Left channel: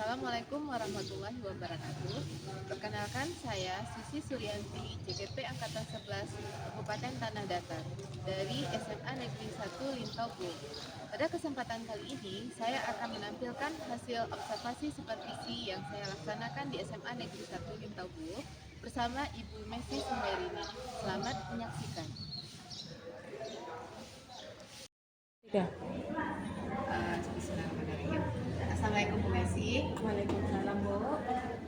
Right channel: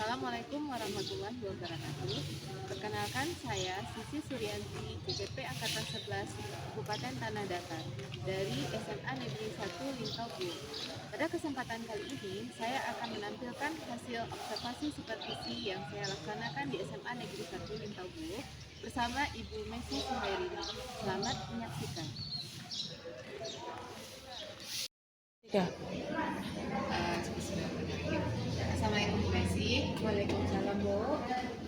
Assalamualaikum warahmatullahi wabarakatuh. Perkenalkan, saya Sisi Suryanti, JKP Angkatan 11, Kabupaten Tanah Datar, dari SMA Negeri 1 Lintau. Pada kesempatan kali ini, saya akan menampilkan hasil observasi supervisi yang saya laksanakan di SMA Negeri 1 Lintau bersama Ibu Messi Suhairini. Selamat menyaksikan. Ya. Bismillahirrahmanirrahim. Assalamualaikum Bu Messi. Waalaikumsalam, Bu.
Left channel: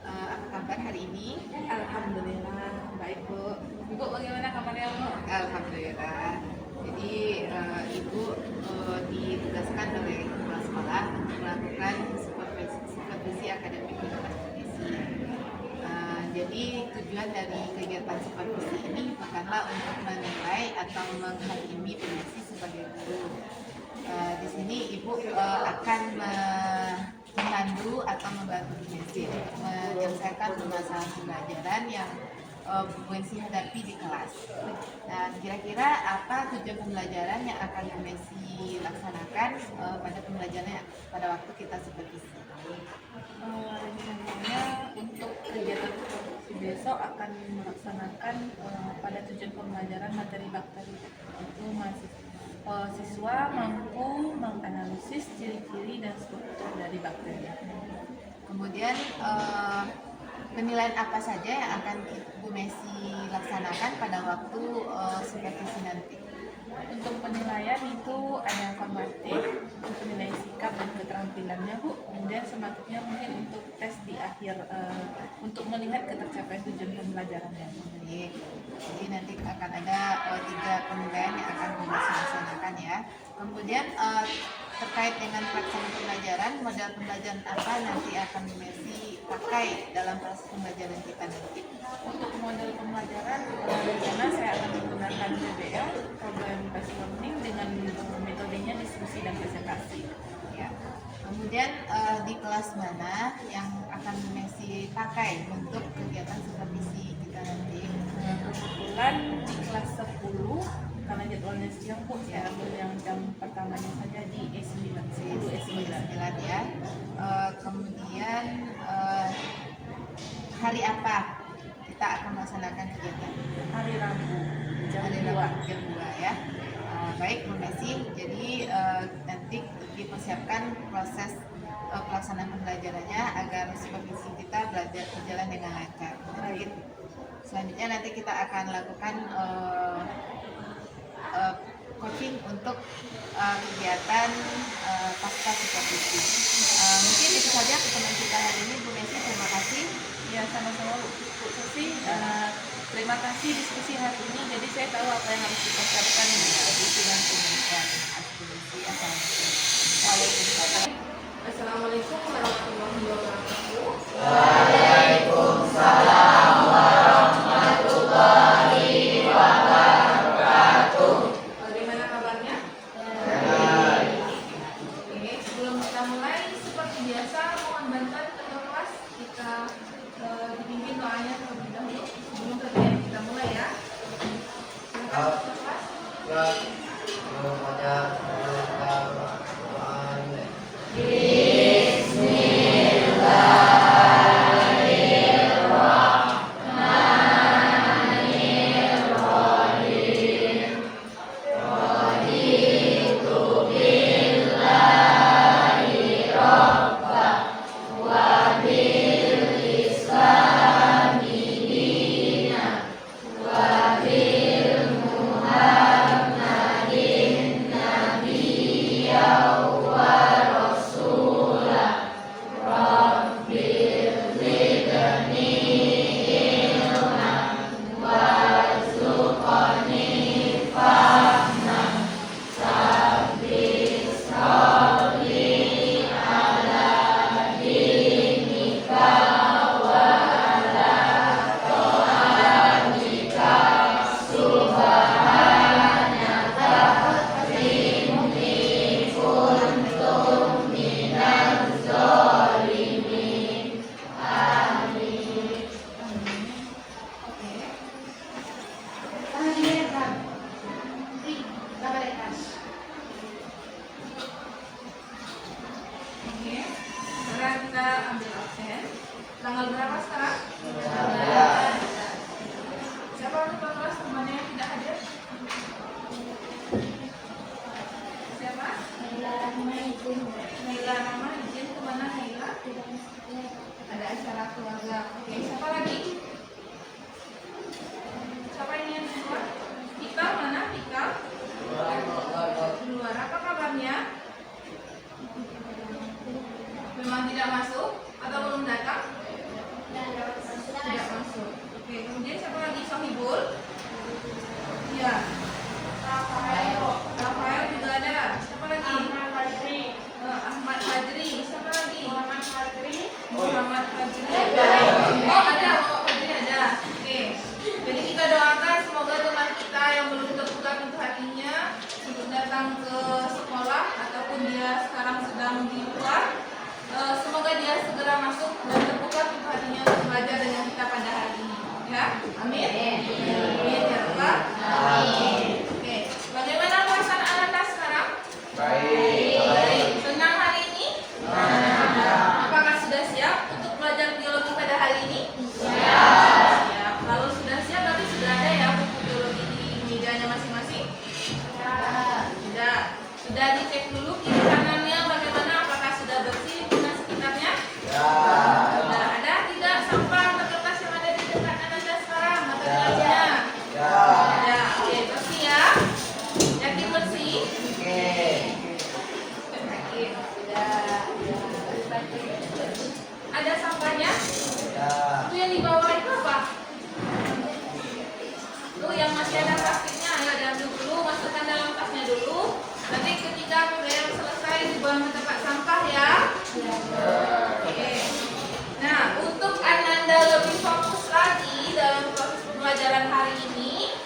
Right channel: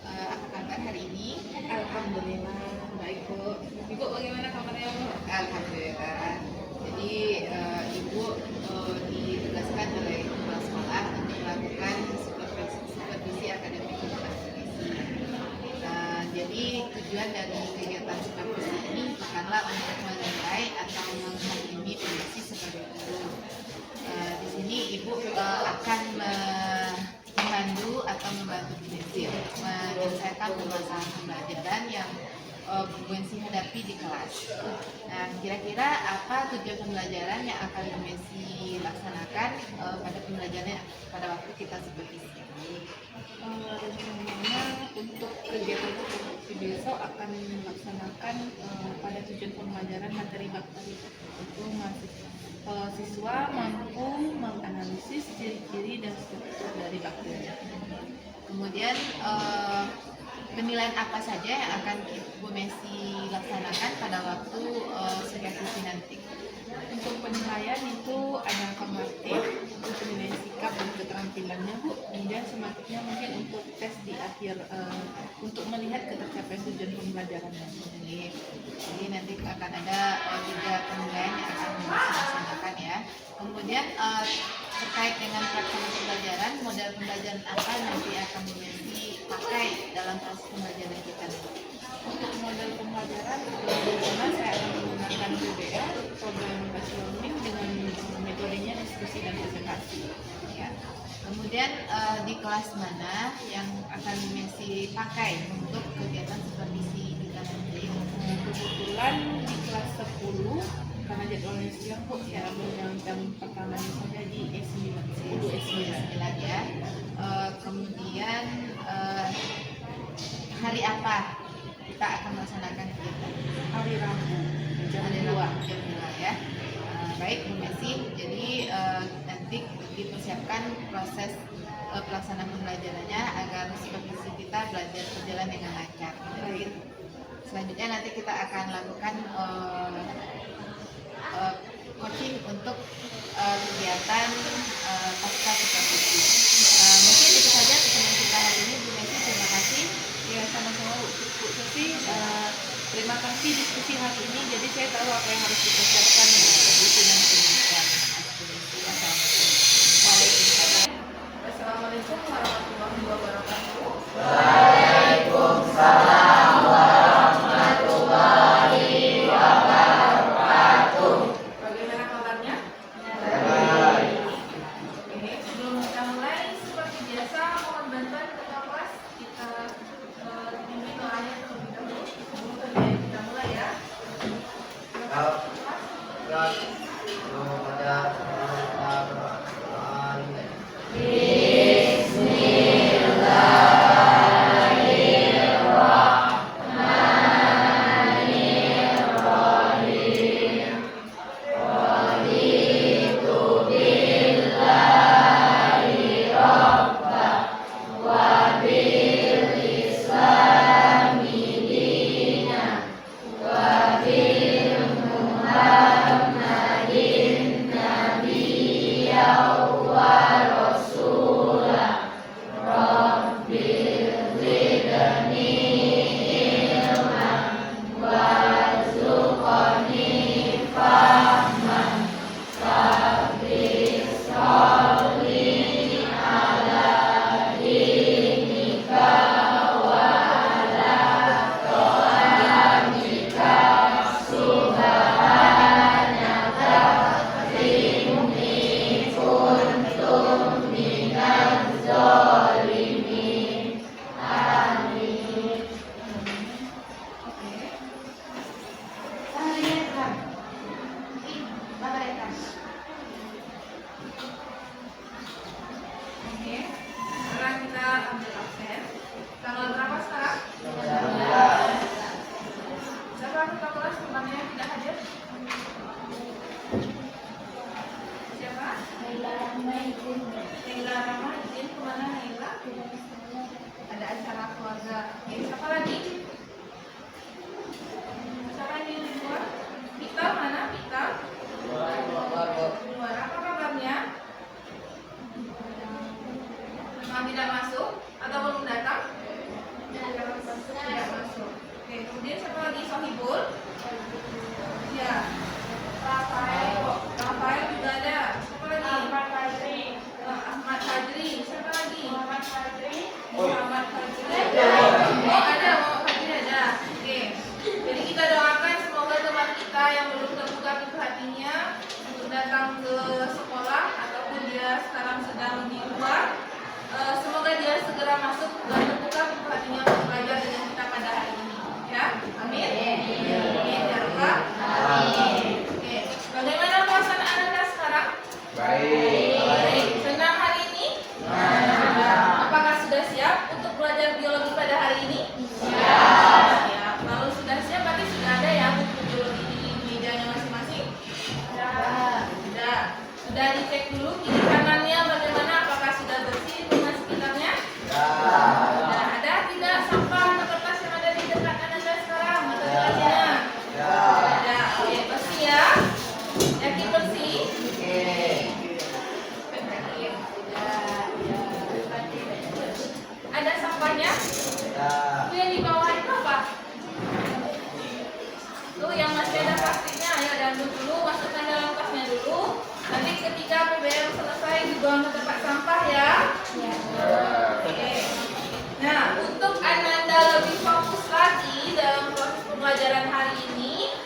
Apa kabar hari ini? Alhamdulillah baik, Bu. Ibu bagaimana kabarnya, Bu? Alhamdulillah. Jadi Ibu ditugaskan oleh kepala sekolah untuk melakukan supervisi akademik di kelas kondisi. Jadi tujuan dari kegiatan supervisi ini bukanlah untuk menilai atau menghakimi Bu Messi sebagai guru. Di sini Ibu akan memandu atau membantu Bu Messi menyelesaikan permasalahan pembelajaran yang Bu Messi hadapi di kelas. Nah, kira-kira apa tujuan pembelajaran yang akan Bu Messi laksanakan pada pembelajarannya pada waktu kita supervisi? Rencananya untuk kegiatan supervisi besok akan melaksanakan pada tujuan pembelajaran materi bakteri itu siswa mampu menganalisis ciri-ciri dan struktur dari bakteri. Kemudian penilaian apa saja yang akan Bu Messi laksanakan pada waktu supervisi nanti? Untuk penilaian itu ada formatif, untuk penilaian sikap dan keterampilannya, Bu. Kemudian sematiknya mungkin untuk tes di akhir untuk melihat ketercapaian tujuan pembelajarannya. Jadi nanti akan ada 3 penilaian yang akan Bu Messi laksanakan ya. Kemudian terkait dengan pelaksanaan pembelajaran, model pembelajaran apa nanti akan Bu Messi pakai dalam proses pembelajaran kita nanti? Untuk model pembelajaran, rencana saya akan menggunakan PBL, Problem Based Learning, dengan metodenya diskusi dan presentasi. Ya. Kemudian di kelas mana yang akan Bu Messi pakai untuk kegiatan supervisi kita nanti? Kebetulan di kelas 10, karena jadwalnya siang, Bu, saya ambil yang jam pertamanya saja di E9, E9 ya. Kemudian hari apa kita akan melaksanakan kegiatan? Hari Rabu, jam 2 ya. Baik Bu Messi, jadi nanti dipersiapkan proses pelaksanaan pembelajarannya agar supervisi kita belajar berjalan dengan lancar. Baik. Selanjutnya nanti kita akan lakukan coaching untuk kegiatan pasca supervisi. Mungkin itu saja pertemuan kita hari ini, Bu Messi. Terima kasih. Ya, sama-sama Bu Susi. Terima kasih diskusi hari ini. Jadi saya tahu apa yang harus dipersiapkan Itu nanti. Assalamualaikum. Assalamualaikum warahmatullahi wabarakatuh. Waalaikumsalam warahmatullahi wabarakatuh. Bagaimana kabarnya? Baik. Oke, sebelum kita mulai, seperti biasa, mohon bantuan ketua kelas kita dipimpin doanya terlebih dahulu sebelum kegiatan kita mulai ya. Tanggal berapa sekarang? Siapa yang lupa kelas temannya yang tidak hadir? Siapa? Naila Rama izin kemana Naila? Ada acara keluarga. Oke, siapa lagi? Siapa ini yang di luar? Pita mana? Pita? Di luar. Apa kabarnya? Memang tidak masuk atau belum datang? Tidak masuk. Oke, kemudian siapa lagi? Sohibul? Ya. Rafael juga ada. Siapa lagi? Ahmad Fajri. Siapa lagi? Muhammad Fajri. Oh, ada. Fajri ada. Oke. Jadi kita doakan semoga teman kita yang belum terbuka pintu hatinya untuk datang ke sekolah ataupun dia sekarang sedang di luar. Semoga dia segera masuk dan terbuka pintu hatinya untuk belajar dengan kita pada hari ini. Ya, amin. Amin. Ya Allah. Amin. Oke, bagaimana puasa Anda sekarang? Baik. Senang hari ini? Apakah sudah siap untuk belajar biologi pada hari ini? Siap. Ya, kalau sudah siap berarti sudah ada ya buku biologi di mejanya masing-masing? Sudah. Sudah dicek dulu kiri kanannya bagaimana, apakah sudah bersih lingkungan sekitarnya? Sudah. Ada tidak sampah atau kertas yang ada di dekat Anda sekarang? Atau di wajahnya? Ada. Oke, bersih ya. Yakin bersih? Ada sampahnya? Itu yang di bawah itu apa? Tuh yang masih ada plastiknya, ayo diambil dulu, masukkan dalam tasnya dulu. Nanti ketika PBM selesai dibuang ke tempat sampah ya. Oke. Nah, untuk Ananda lebih fokus lagi dalam proses pembelajaran hari ini,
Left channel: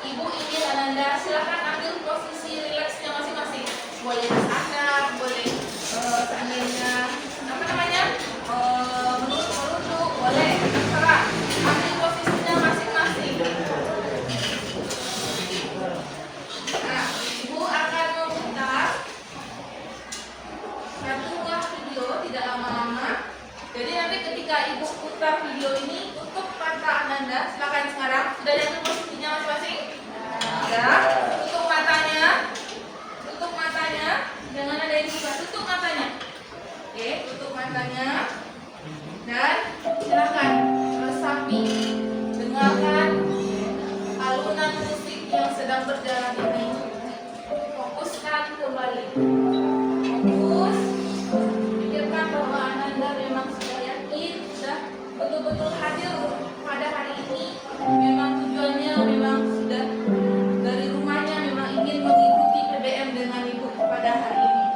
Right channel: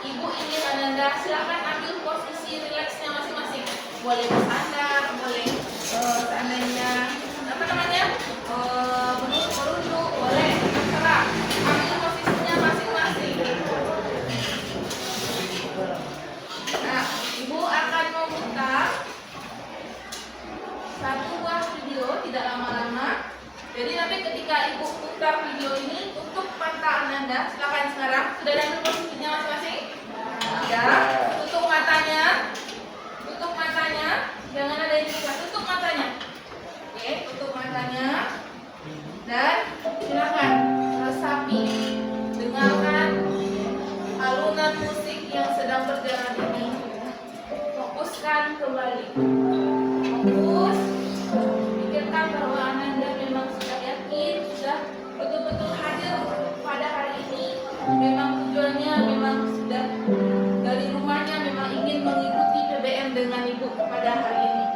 Ibu ingin Ananda silakan ambil posisi rileksnya masing-masing. Boleh bersandar, boleh seandainya apa namanya merunduk, boleh terserah. Ambil posisinya masing-masing. Nah, Ibu akan memutar satu buah video tidak lama-lama. Jadi nanti ketika Ibu putar video ini untuk mata Ananda, silakan sekarang sudah diambil posisinya masing-masing. Ya, tutup matanya, jangan ada yang dibuka, tutup matanya. Oke, tutup matanya dan silakan resapi, dengarkan alunan musik yang sedang berjalan ini. Fokuskan kembali. Fokus. Pikirkan bahwa Ananda memang sudah yakin, sudah betul-betul hadir pada hari ini. Memang tujuannya memang sudah dari rumahnya memang ingin mengikuti PBM dengan Ibu pada hari ini.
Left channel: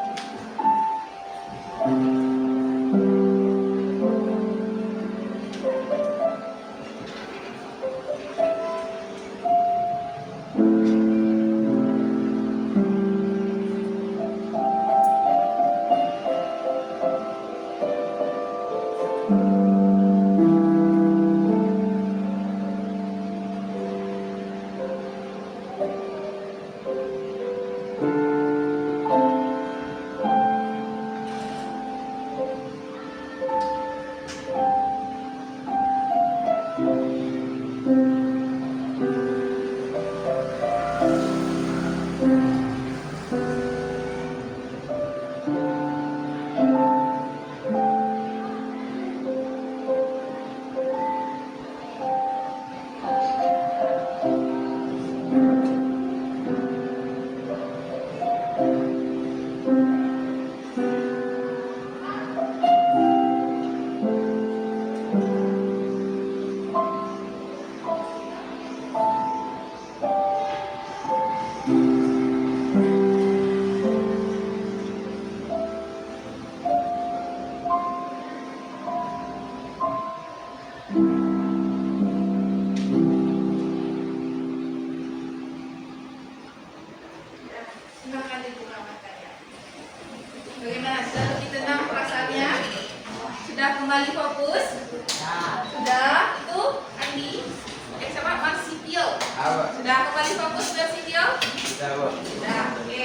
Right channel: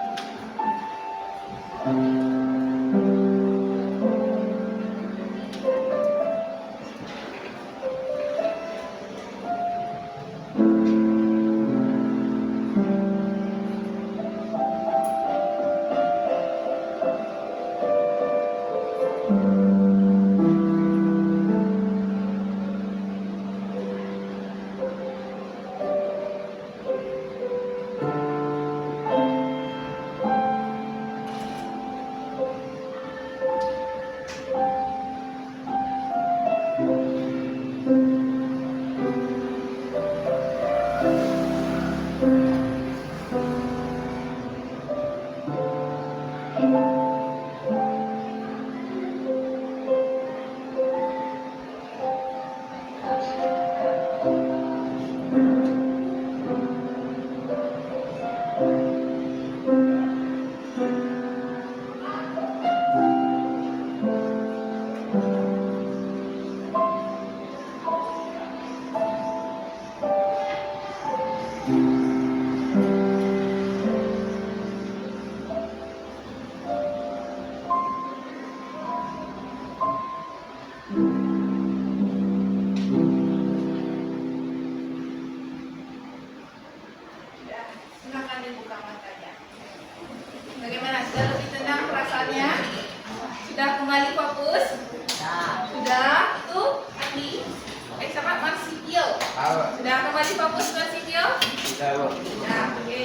Sudah kembali fokus ke video? Sudah, Bu. Sudah, oke.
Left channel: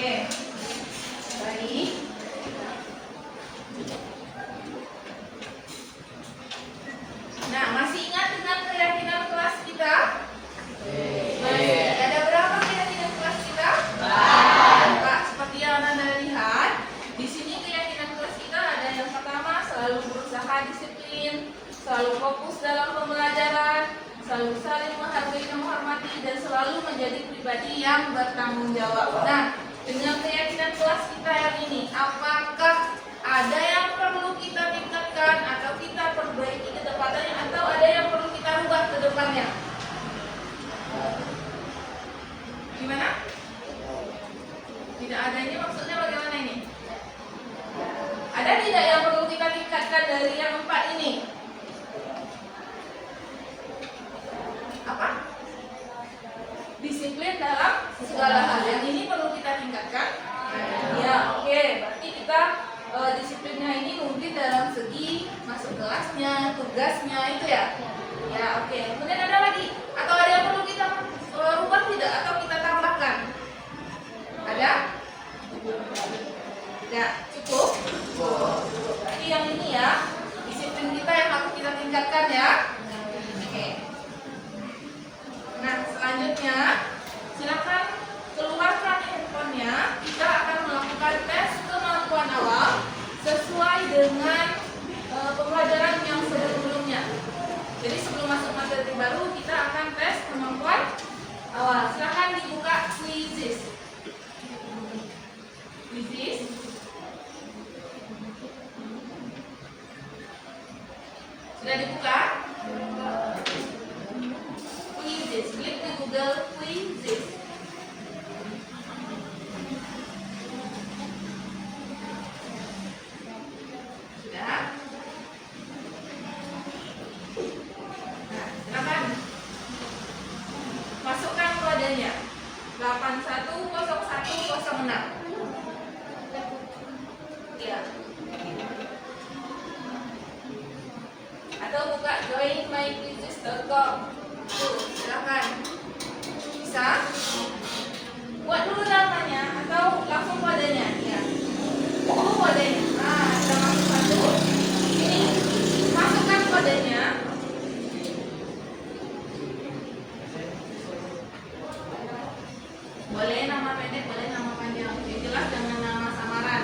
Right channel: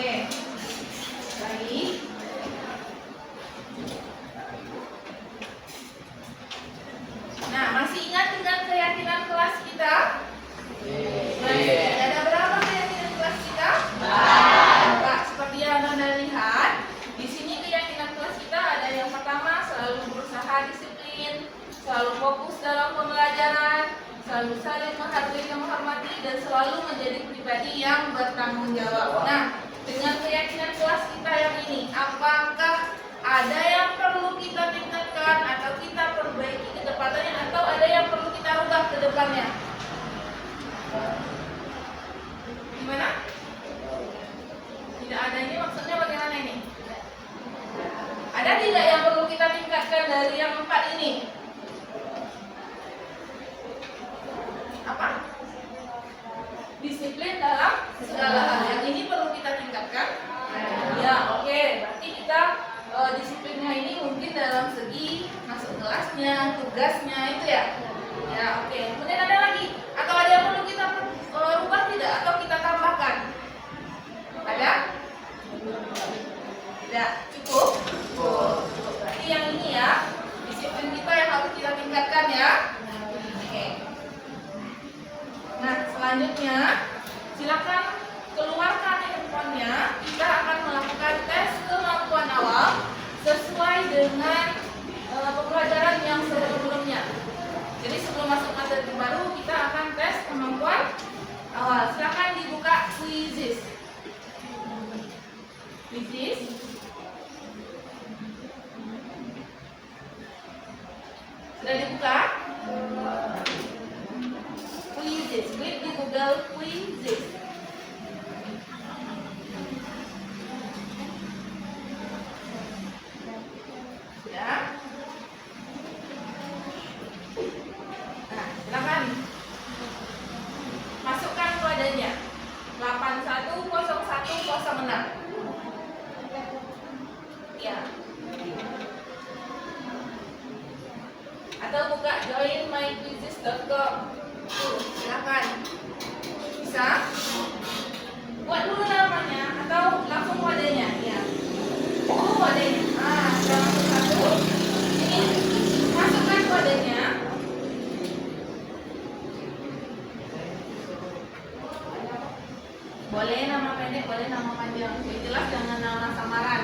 Baik. sangat disiplin, selalu fokus dalam pembelajaran, selalu saling menghargai dan menghormati, dan selalu menjadi pribadi yang bertanggung jawab. Nah, dengan keyakinan kelas kita yang ini, apakah ada yang perlu kita tingkatkan atau kita perbaiki ke depannya, atau ada yang perlu kita rubah ke depannya? Gimana? Tidak ada, ini maksudnya bagaimana ini? Ada tidak yang perlu kita tingkatkan dari yang 4 ini? Apa? Disiplin dalam segala hal. Yang ini perlu kita tingkatkan? Ya, oke. Berarti kita disiplinnya ini mungkin dalam segi masuk kelasnya, tugasnya itu ya. Ya, oke. Kemudian ada lagi? Atau ada yang perlu kita rubah tidak? Atau kita tambahkan? Ada? Tidak? Cukup? Berarti yang ini ya, disiplin kita yang harus kita tingkatkan ya. Oke. Nah, selanjutnya silakan keluarkan handphonenya. Kita akan melakukan tes kemampuan awal sesuai dengan pembelajaran yang sebelumnya. Jadi sebelum masuk materi baru, kita akan tes kemampuan awal. Silakan dibuka quizzes. Quizzes. Sudah dibuka? Quizzes. Klik di Google Quizzes. Sudah? Nah, silakan masukkan kodenya 810106. Ya. Atau buka joinmyquizzes.com. Silakan. Bisa? Buat dulu namanya atau langsung kodenya? Ya. Kodenya. Nah, sudah masuk satu. Ini masukkan kodenya. Boleh nama pendek, boleh nama panjang. Yang jelas jangan nama samaran.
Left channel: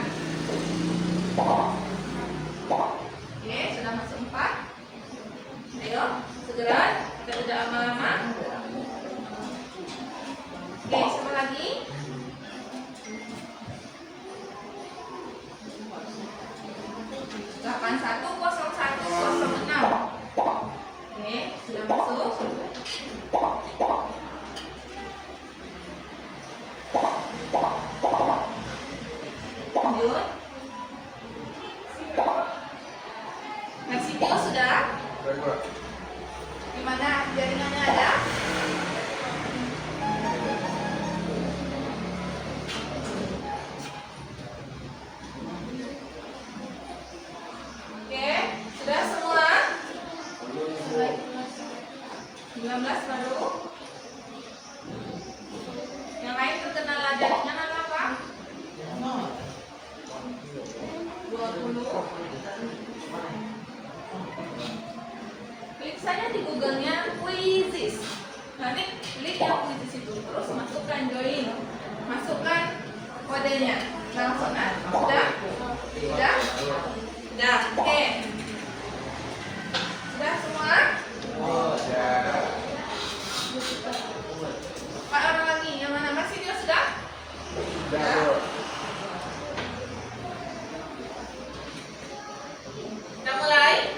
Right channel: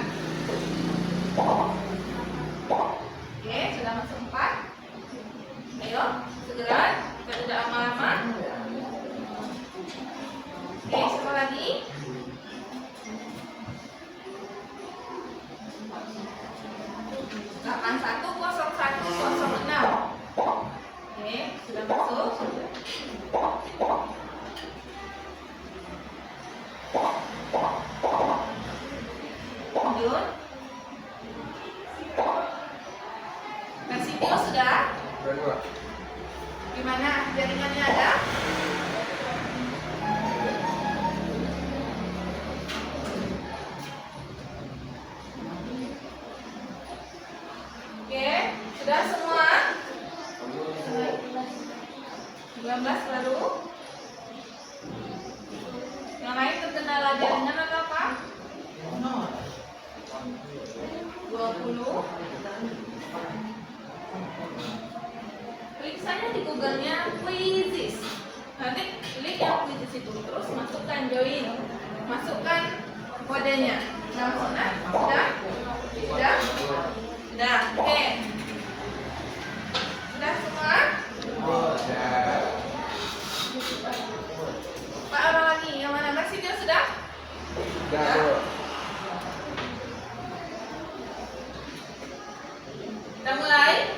Oke, sudah masuk 4. Ayo, segera. Kita tidak lama-lama. Oke, siapa lagi? Delapan 810106. Oke, sudah masuk. Lanjut. Versi video sudah? Gimana? Jaringannya ada? Oke, sudah semua? 19 baru? Yang lain terkendala jaringan atau apa? 20. Klik saja di Google-nya Quizzes. Nanti klik yang Quizzes itu, terus masukkan join, masukkan kodenya. Nah, sudah? Sudah? Sudah? Oke. Sudah semua? Pak, orang lagi yang mana? Masih dia sudah? Sudah. Kita mulai.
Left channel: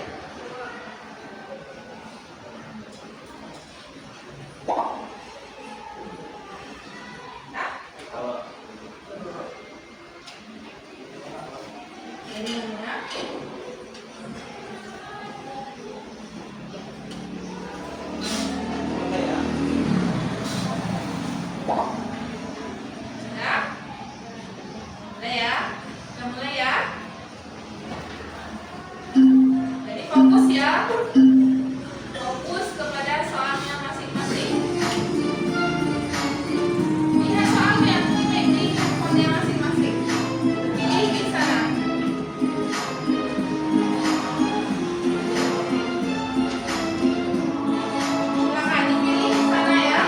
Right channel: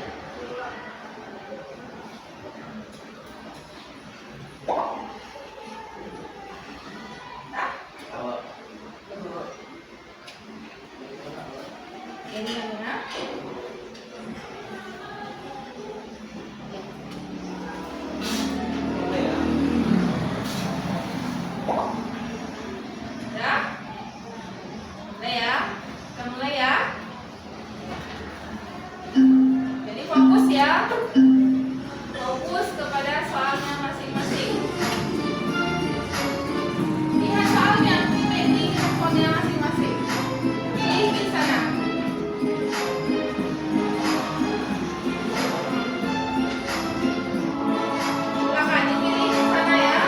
Nah. Ini mana? Sudah? Sudah ya? Kita mulai ya. Jadi fokus ya. Fokus kepada soalnya masing-masing. Lihat soalnya, ini di handphonenya masing-masing. Pilih di sana. Silakan dipilih di sana ya.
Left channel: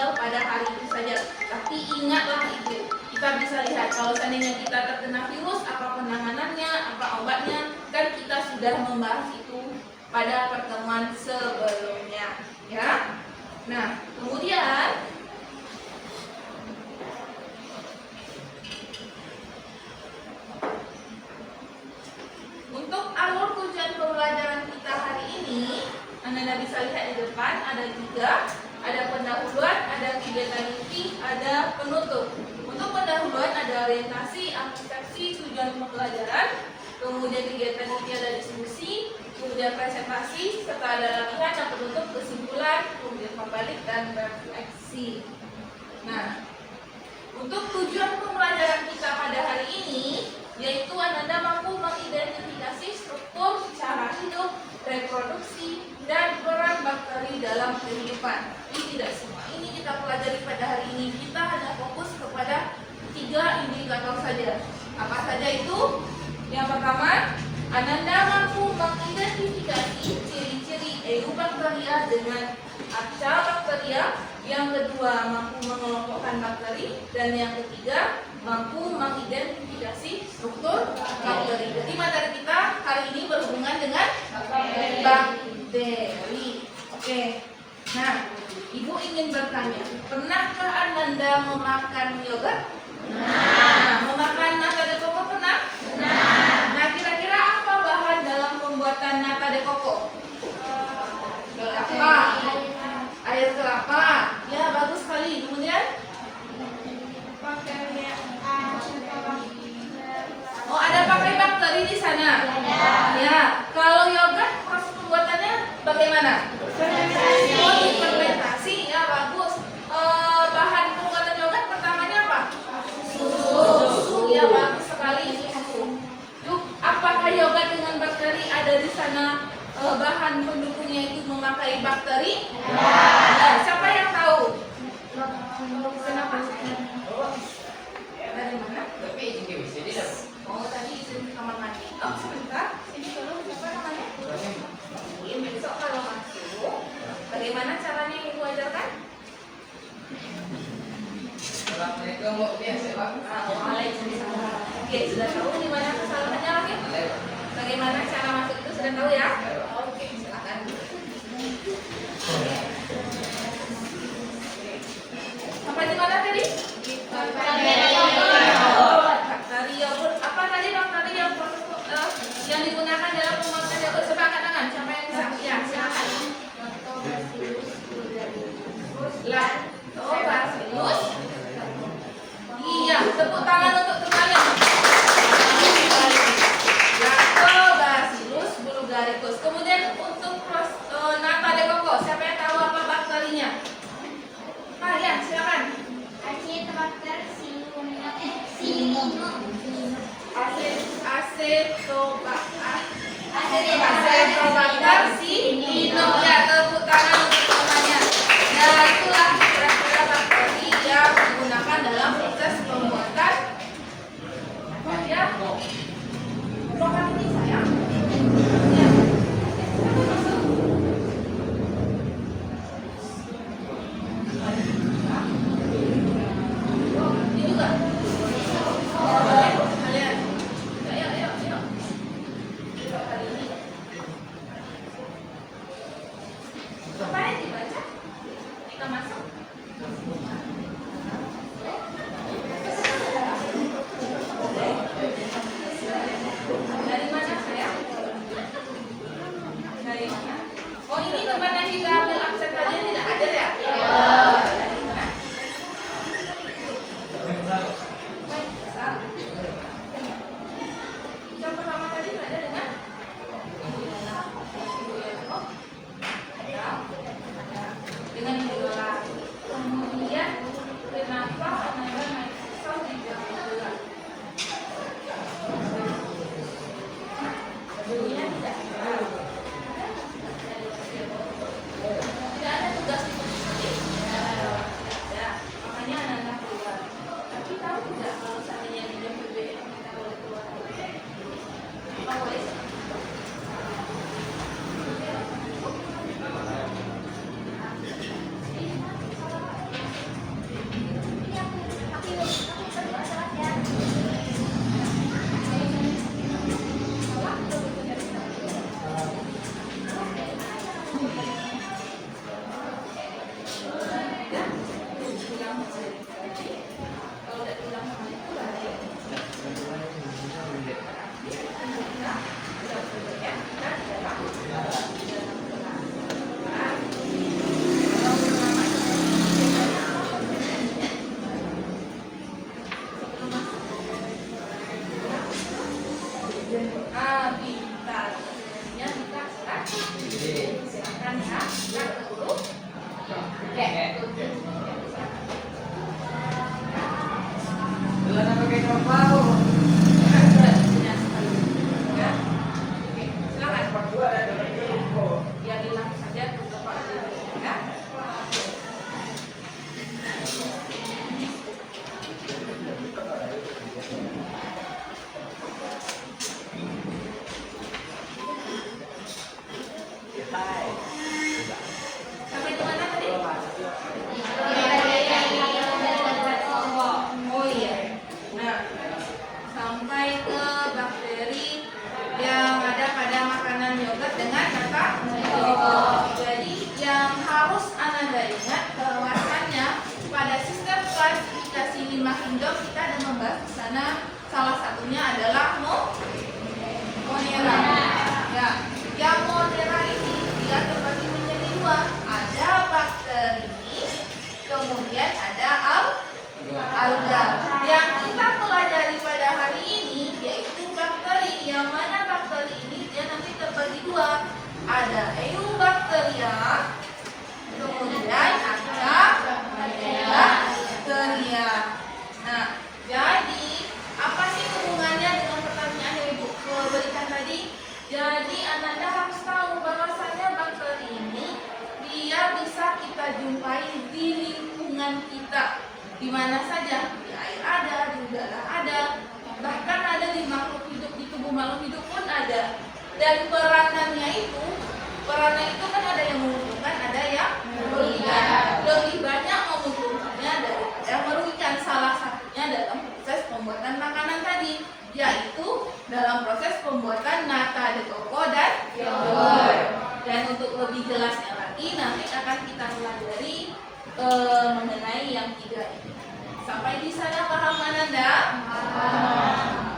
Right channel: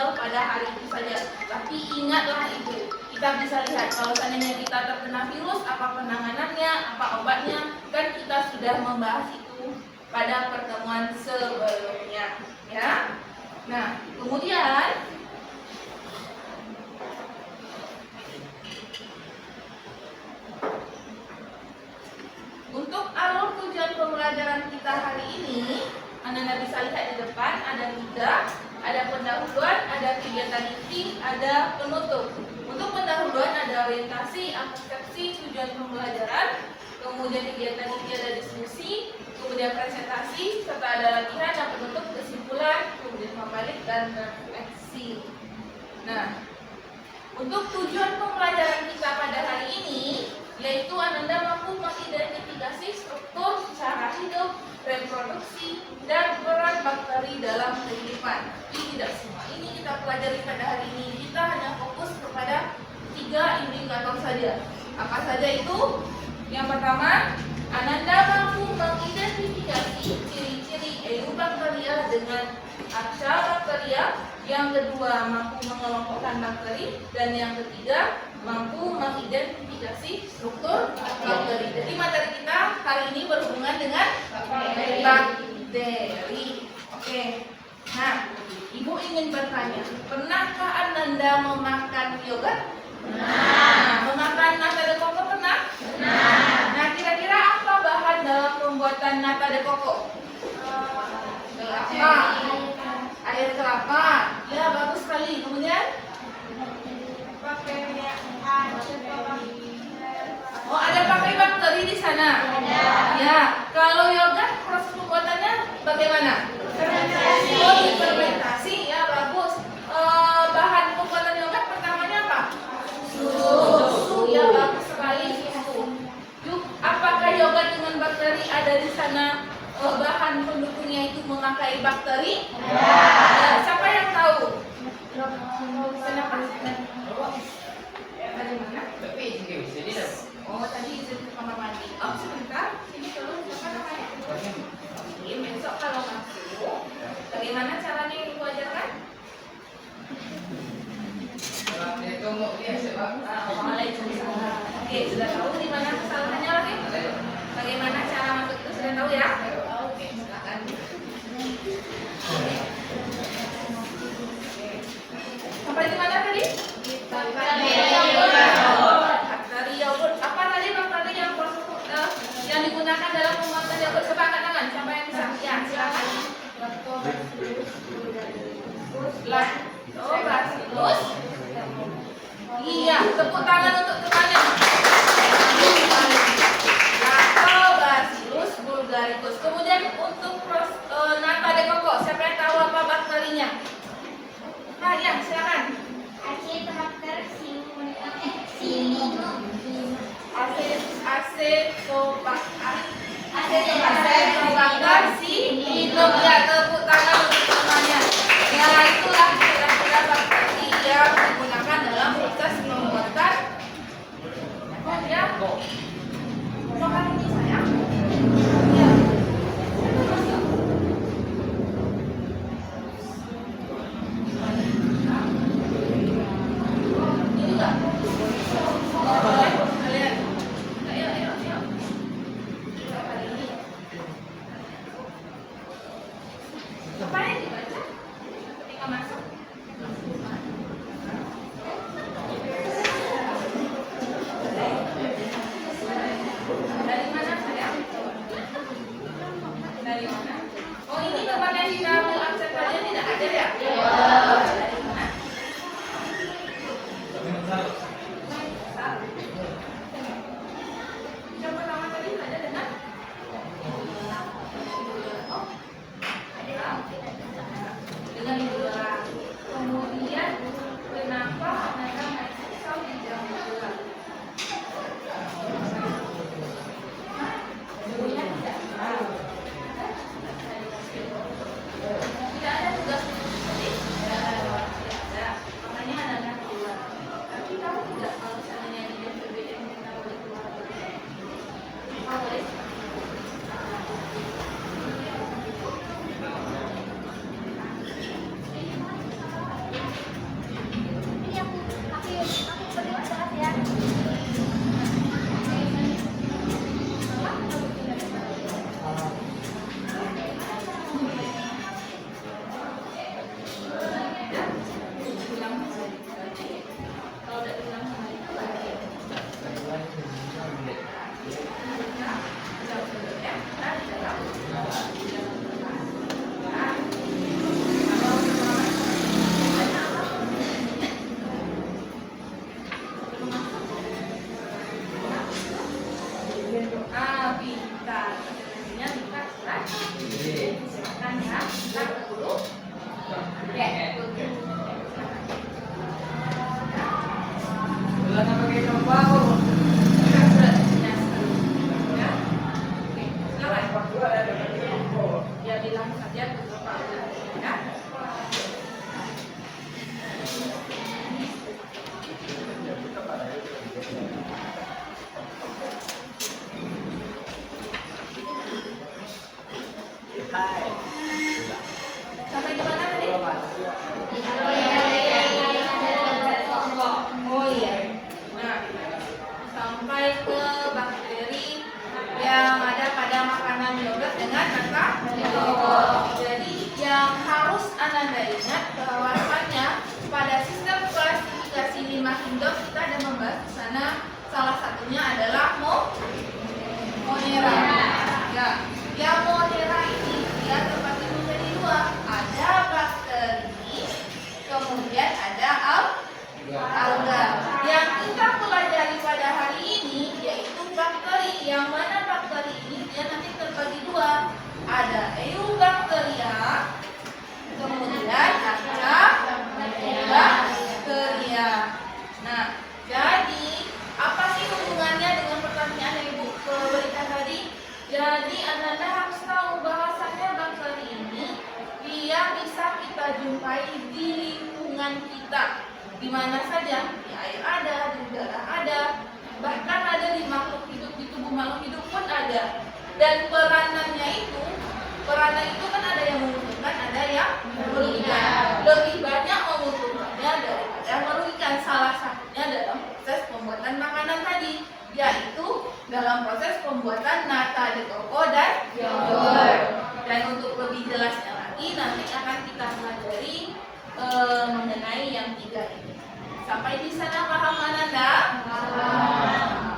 tinggal pada hari itu saja. Tapi ingatlah itu, kita bisa lihat kalau seandainya kita terkena virus, apa penanganannya, apa obatnya, kan kita sudah membahas itu pada pertemuan sebelumnya, ya. Nah, kemudian untuk alur tujuan pembelajaran kita hari ini, Anda bisa lihat di depan ada 3, ada pendahuluan, ada kegiatan inti, ada penutup. Untuk pendahuluan ada orientasi, aplikasi, tujuan pembelajaran, kemudian kegiatan inti ada diskusi, kemudian presentasi, serta ada latihan dan penutup kesimpulan, kemudian pembalik dan refleksi. Nah, untuk tujuan pembelajaran kita pada hari ini, yaitu Anda mampu mengidentifikasi struktur, cara hidup, reproduksi, dan peran bakteri dalam kehidupan. Ini tidak semua ini kita pelajari pada hari ini. Kita hanya fokus kepada 3 indikator saja. Apa saja itu? Yang pertama, Anda mampu mengidentifikasi ciri-ciri eubakteria dengan arca bakteria. Yang kedua, mampu mengelompokkan bakteri. Dan yang ketiga, mampu mengidentifikasi struktur bakteri. Jadi materi kita hari ini berhubungan dengan bakteri. Oke. Nah, Ibu ingin bertanya, pernahkah Anda memakan yogurt? Nah, memakan nata de coco pernah? Nah, kira-kira apa bahan dalam pembuatan nata de coco? Kelapa. Air kelapa. Ya, bagus sekali. Kemudian? Oh, ada pakai bakteri di sana? Ya. Kalau yogurt proses pembuatannya bagaimana? Oh, difermentasi. Ya, bagus. Bahan pembuatan yogurt pertamanya apa? Susu. Ya, bagus sekali, susu. Yuk, apakah yogurt dengan bakteri ada di sana? Bahan pendukungnya itu memakai bakteri? Ya. Siapa yang tahu? Kenapa? Dari mana? Oh, tadi izin ke kamar mandi. Oh, sebentar. Sini dulu. Siapa namanya? Iya, besok kalau masuk, bagaimana caranya yang Ibu ajarkan? Waalaikumsalam. Oke, sudah tahu di mana kesalahannya lagi? Bagaimana cara masuk itu sudah tahu ya? Oke, silakan. Sampai di mana tadi? Bakteri yogurt. Apa tadi bakteri yang digunakan dalam memakan yogurt? Coba angkat tangan. Siapa yang bisa? Ya, silakan. Lactobacillus. Iya, tepuk tangan untuk temannya. Lactobacillus bulgaricus. Kemudian untuk nata de coco, siapa yang tahu apa bakterinya? Nah, ya, silakan. kita jumpai di lingkungan kita. Di mana saja, di air ada, di udara ada, bahkan ada di makhluk hidup, di tubuh makhluk hidup pun ada. Dan peranan itu kan ada yang menguntungkan, ada yang merugikan. Lebih banyak menguntungkannya daripada merugikan. Salah satunya dalam proses pembuatan makanan tadi, yaitu dalam proses pembuatan nata de coco dan yogurt. Dan untuk lebih jelasnya lagi nanti akan kita pelajari mengenai yang tiga ini. Sampai di sana paham Ananda?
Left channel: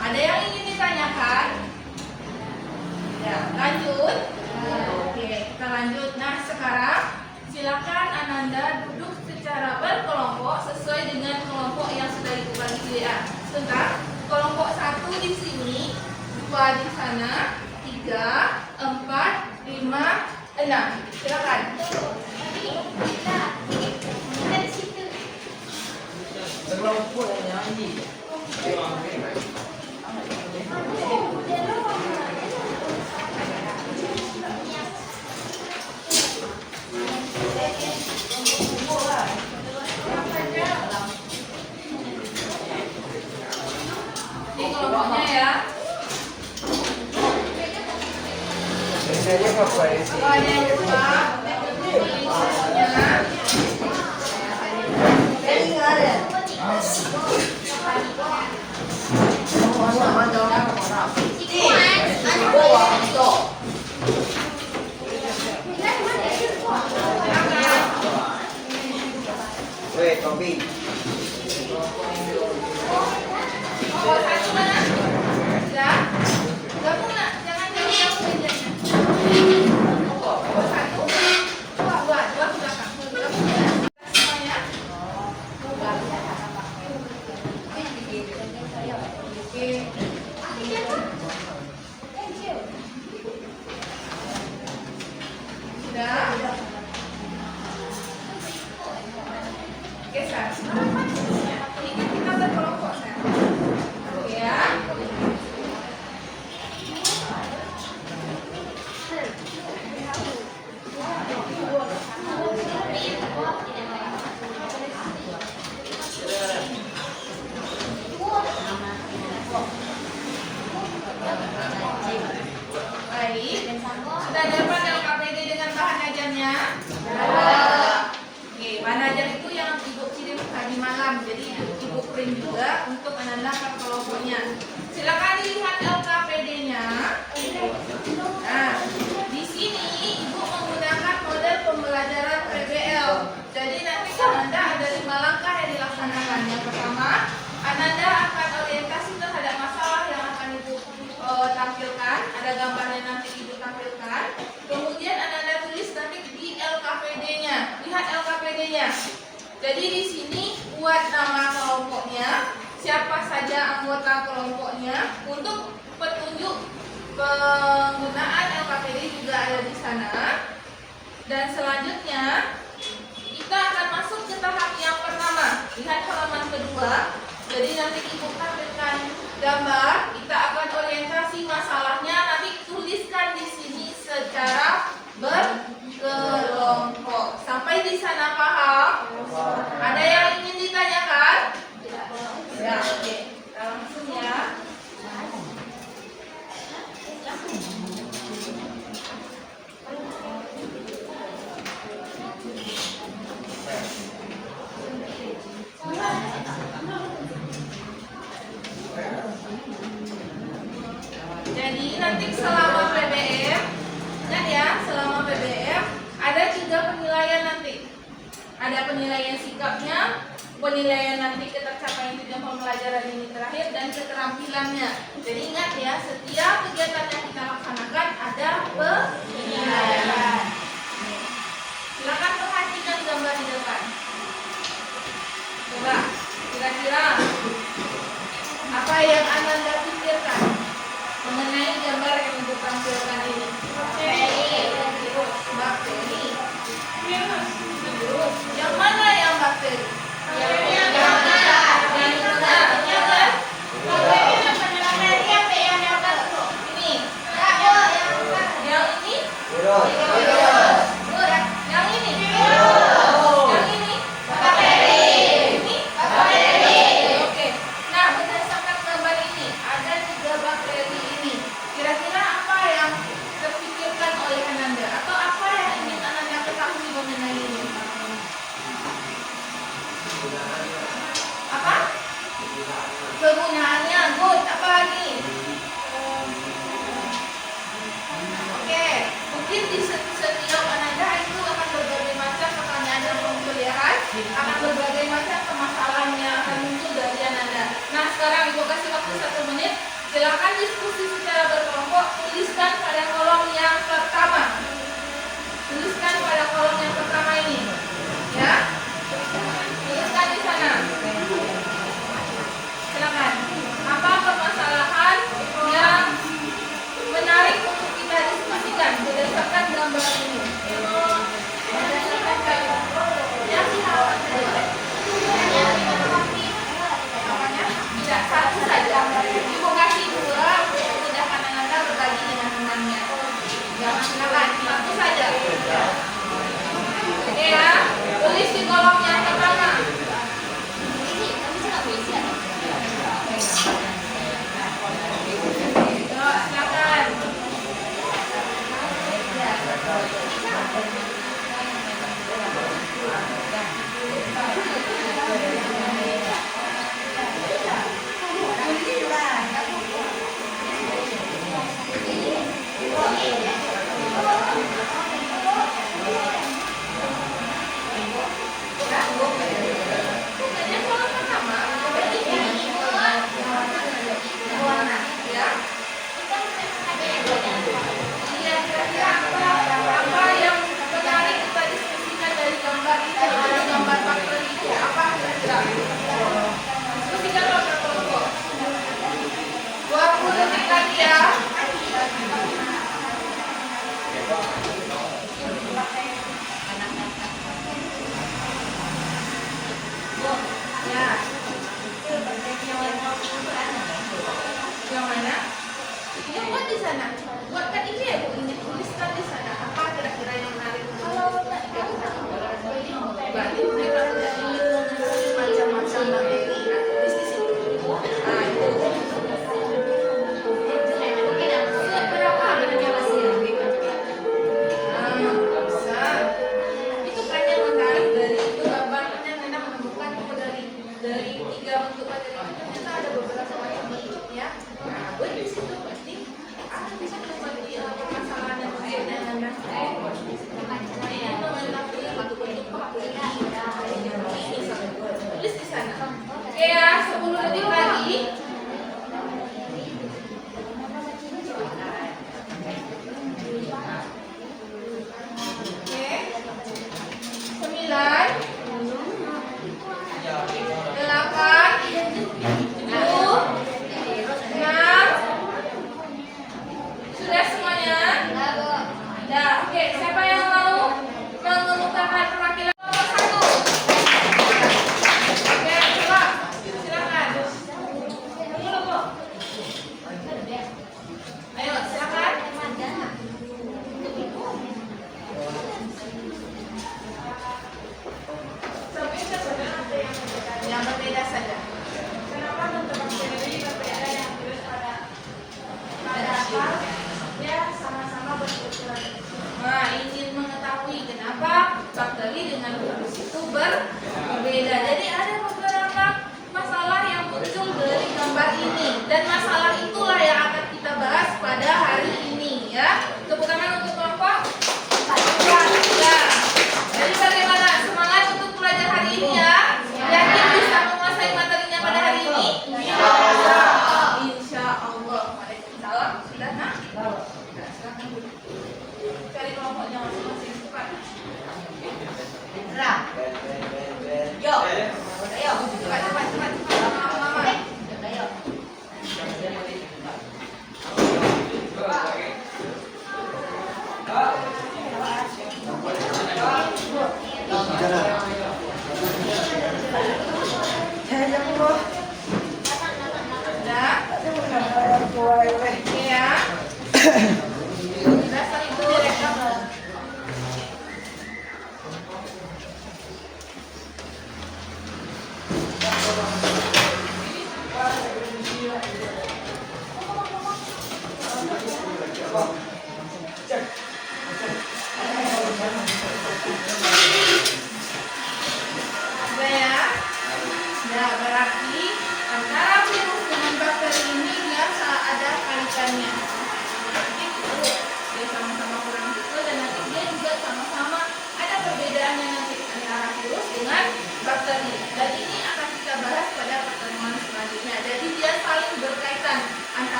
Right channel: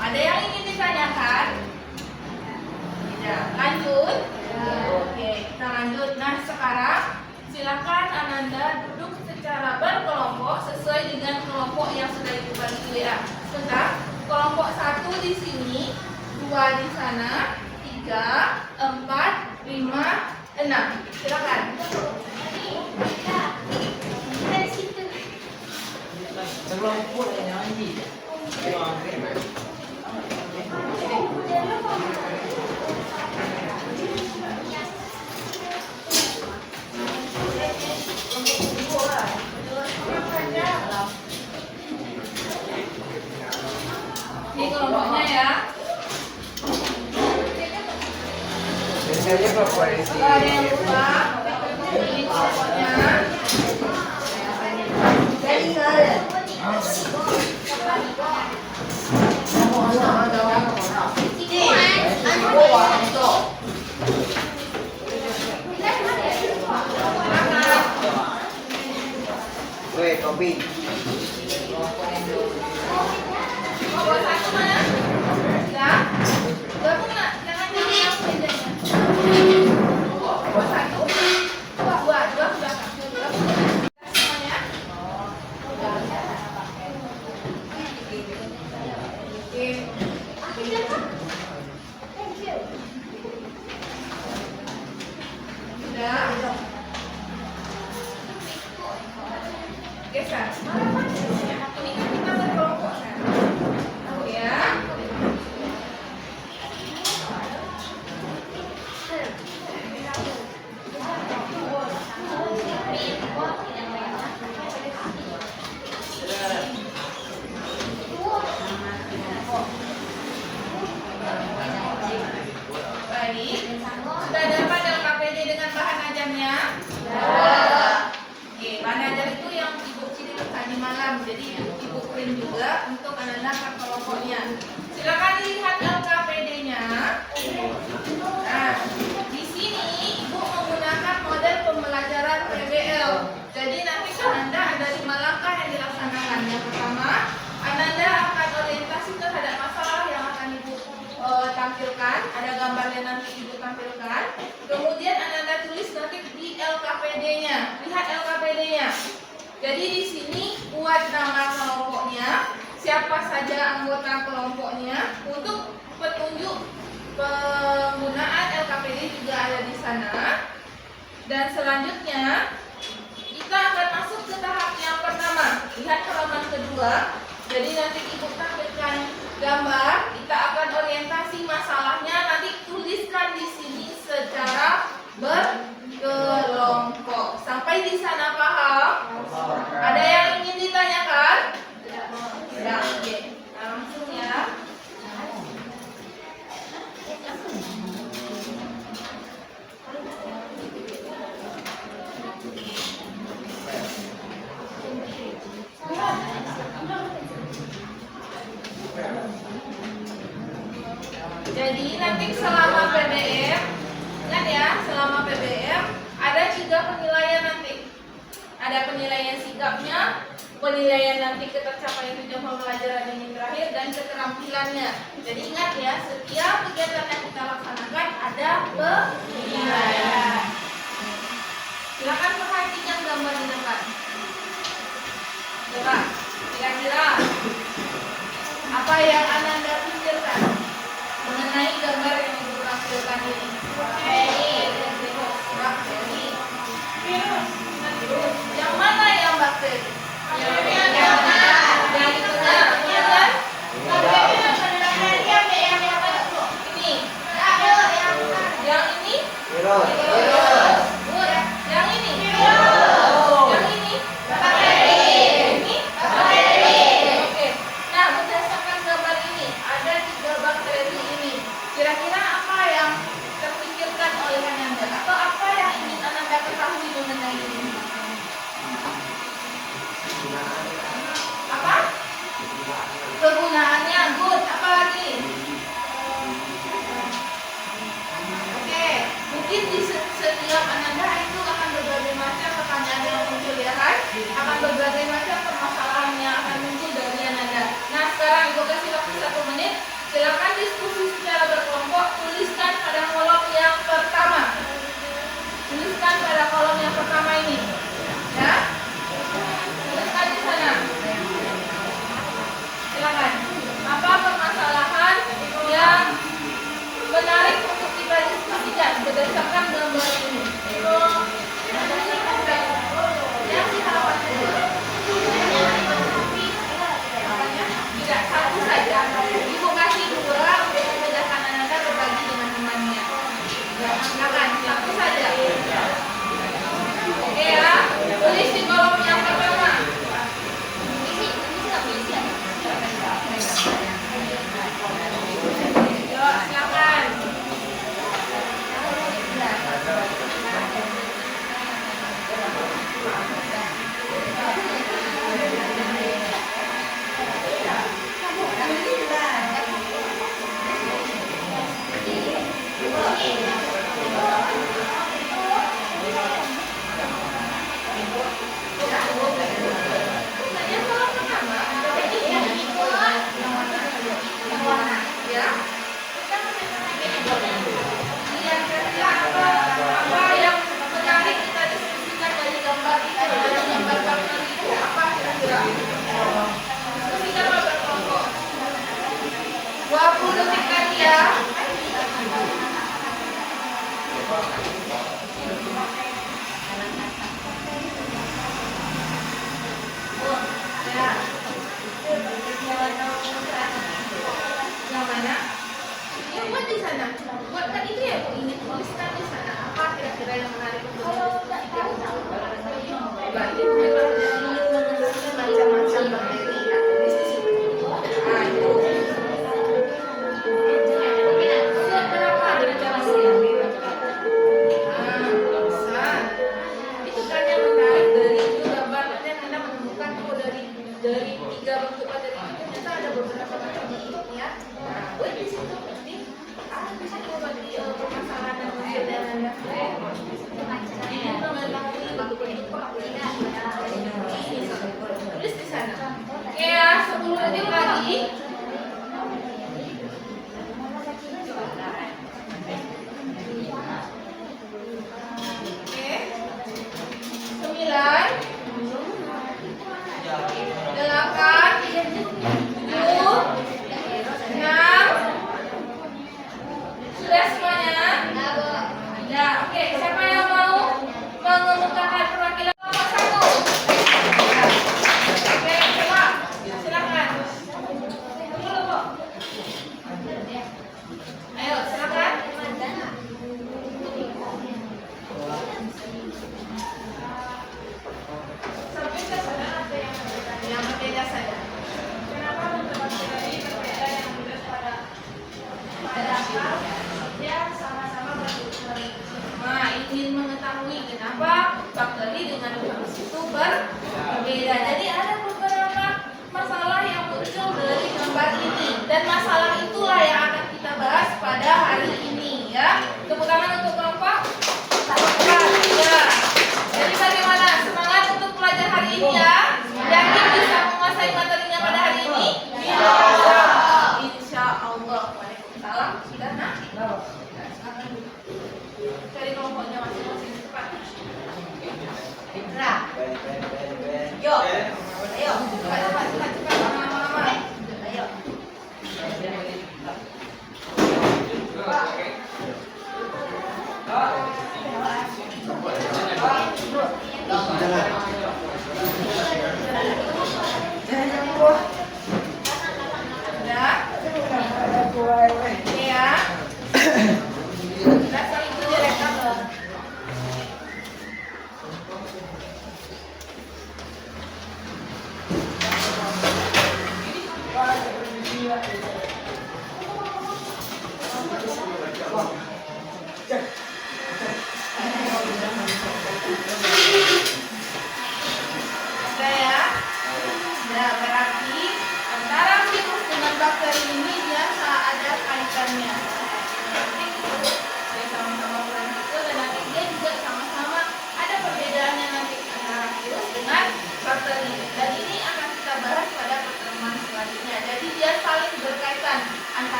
Ada yang ingin ditanyakan? Tidak. Lanjut? Oke, kita lanjut. Nah, sekarang silakan Ananda duduk secara berkelompok sesuai dengan kelompok yang sudah Ibu bagi di WA. Sebentar. Kelompok 1 di sini, 2 di sana, 3, 4, 5, 6. Silakan. Terlampau nyanyi. Ini kelompoknya ya. Biasanya apa sih? Kalau ada yang lupa, ini kelompoknya. Weh, kopi. Kelompok 1 mana? Ya. Gabung nggak? Jangan yang bedanya. Kelompok 1, 2 ke belakang. Semuanya. Oke. Sudah. Oke, sekarang ini kita berkelompok sekarang. Oke ya. Baik. Sudah dapat LKPD dengan bahan ajarnya? Oke, bahan ajar itu yang Ibu kirim tadi malam. Jadi Ibu print juga untuk Ananda kelompoknya. Silakan lihat LKPD-nya. Nah, di sini Ibu menggunakan model pembelajaran PBL. Jadi nanti Ananda ada 5 langkah yang dilaksanakan. Yang pertama, Ananda akan orientasi terhadap masalah yang akan Ibu tampilkan. Ada gambarnya nanti Ibu tampilkan. Kemudian Ananda tulis nanti di LKPD-nya. Lihat LKPD-nya. Jadi di sini buat nama kelompoknya, siapa saja anggota kelompoknya. Untuk petunjuk penggunaan LKPD juga ada di sana. Dan selanjutnya kita akan masuk ke tahap yang pertama. Lihat halaman kedua. Jadi nanti Ibu tampilkan gambar, kita akan orientasi masalahnya, nanti tuliskan di sini secara berkelompok. Sampai di sana paham? Ada yang ingin ditanyakan? Ya, oke. Kita langsung ya. Jadi nanti selama PBM, ingat ya, selama PBM ada 3 penilaian nanti. Ada penilaian sikapnya, penilaian nanti ketercapaian tujuan pembelajaran ini terakhir, dan keterampilannya. Jadi ingat ya, setiap kegiatan yang kita laksanakan ada penilaian. Silakan perhatikan gambar di depan. Coba, kira-kira apa yang Ananda pikirkan mengenai gambar yang Ibu tampilkan ini? Bakteri. Virus. Yang mana yang bakteri? Yang itu kan? Ini. Yang ini? Virus. Apa lagi? Oke, mungkin di setiap Ananda itu akan berbagai macam pertanyaan yang muncul ya kan? Akan berbagai macam permasalahan yang akan muncul dari Ananda. Nah sekarang Ibu kasih waktu 1 menit. Silakan diskusi secara berkelompok. Tuliskan pada kolom yang pertama. Tuliskan pada kolom yang pertama ini. Ya. Tuliskan di sana. Silakan. Apa permasalahan yang menarik untuk kita diskusikan berdasarkan dengan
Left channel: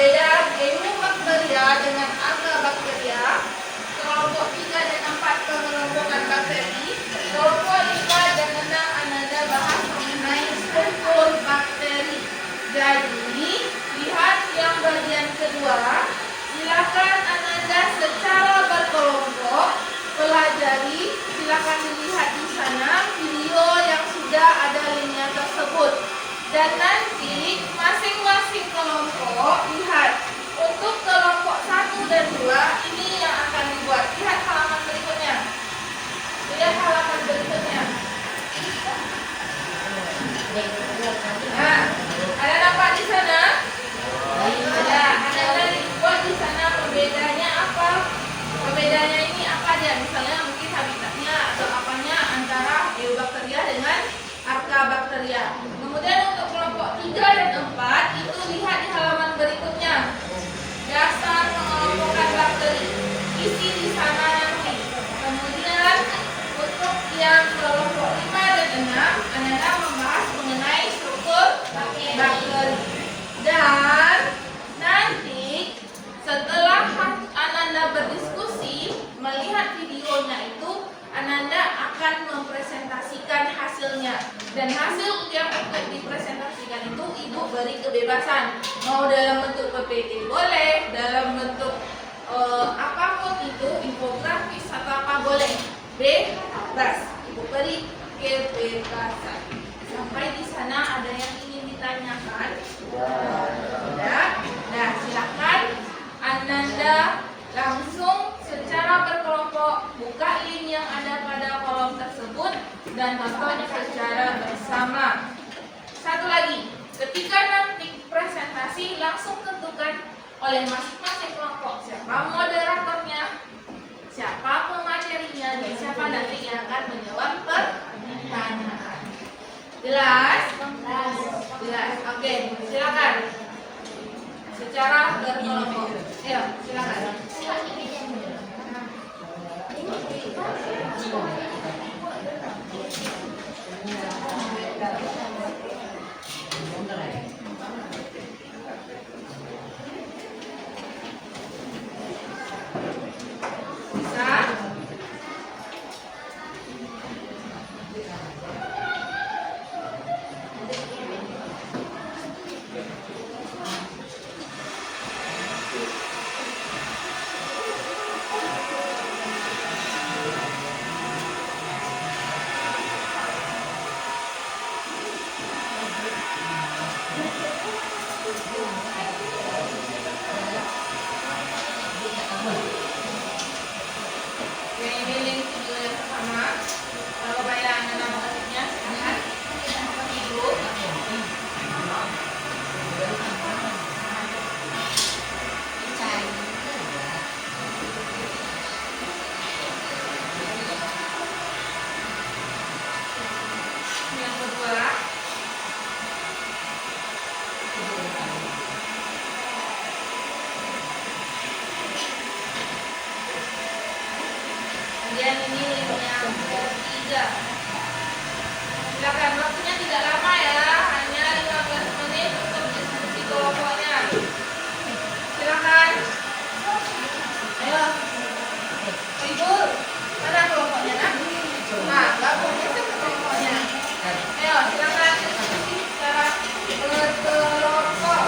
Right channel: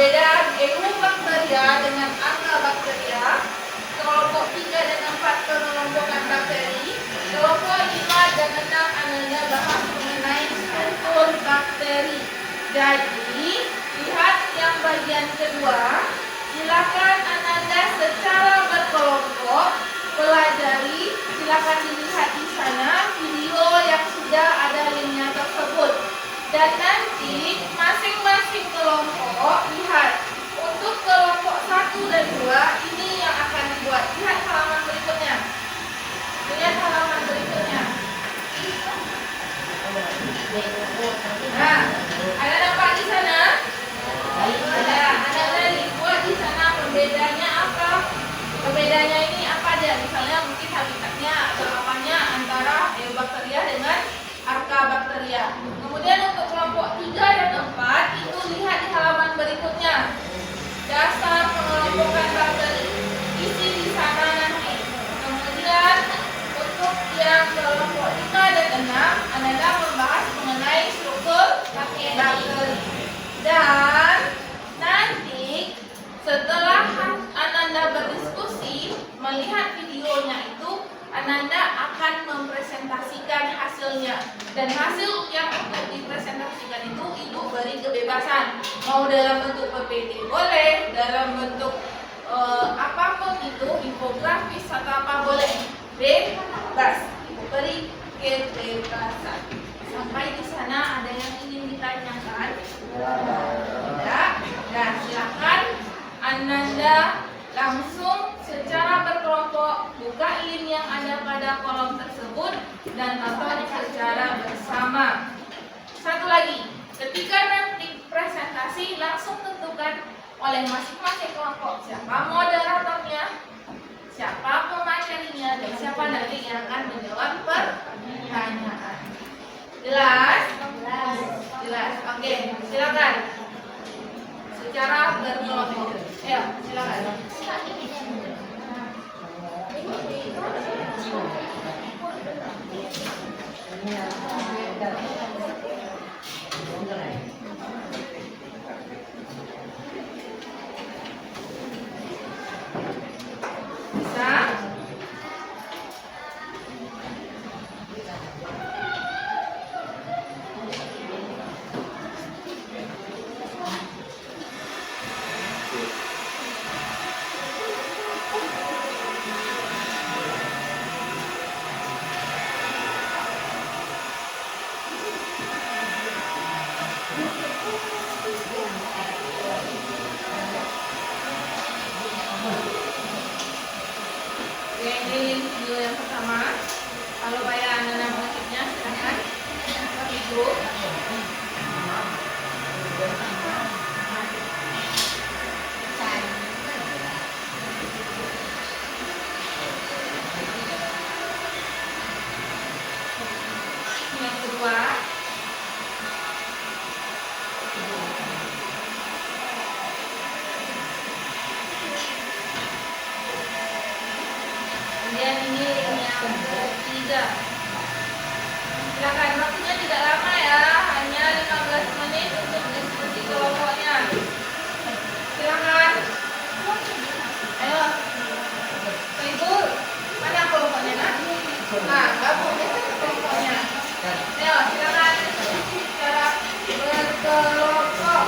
perbedaan enobakteria dengan arcabacteria. Kelompok 3 dan 4 pengelompokan bakteri. Kelompok 5 dan 6 Ananda bahas mengenai struktur bakteri. Jadi, lihat yang bagian kedua. Silakan Ananda secara berkelompok pelajari. Silakan dilihat di sana video yang sudah ada linknya tersebut. Dan nanti masing-masing kelompok lihat. Untuk kelompok 1 dan 2 ini yang akan dibuat. Lihat halaman berikutnya. Lihat halaman berikutnya. Nah, ada nampak di sana? Ada. Ada dibuat di sana. Perbedaannya apa? Perbedaannya ini apa dia? Misalnya mungkin habitatnya atau apanya antara Eubacteria dengan Arcabacteria. Kemudian untuk kelompok 3 dan 4 itu lihat di halaman berikutnya. Dasar pengelompokan bakteri isi di sana nanti. Kemudian untuk yang kelompok 5 dan 6 Ananda membahas mengenai struktur bakteri. Dan nanti setelah Ananda berdiskusi melihat videonya itu, Ananda akan mempresentasikan hasilnya. Dan hasil yang untuk dipresentasikan itu Ibu beri kebebasan. Mau dalam bentuk PPT boleh, dalam bentuk apapun itu, infografis atau apa boleh. Bebas. Ibu beri kebebasan. Sampai di sana ada yang ingin ditanyakan? Tidak. Nah, silakan Ananda langsung secara berkelompok buka link yang ada pada kolom tersebut dan nonton secara bersama. Satu lagi, ketika nanti presentasi langsung tentukan oleh masing-masing kelompok siapa moderatornya, siapa pematerinya, dan siapa nanti yang akan menjawab pertanyaan. Jelas? Jelas. Oke, silakan. Secara berkelompok. Ayo, silakan. Bisa? Oke, ini link video yang pertama. Kalau bayar Anda nama wajibnya, silakan. Ibu. Yang kedua. Kemudian ini link yang ketiga. Silakan, waktunya tidak lama ya, hanya 15 menit untuk diskusi kelompoknya. Silakan. Ayo. Ibu, mana kelompoknya nak? Nah, gabungnya ke kelompoknya. Ayo, silakan diskusi secara berkelompok.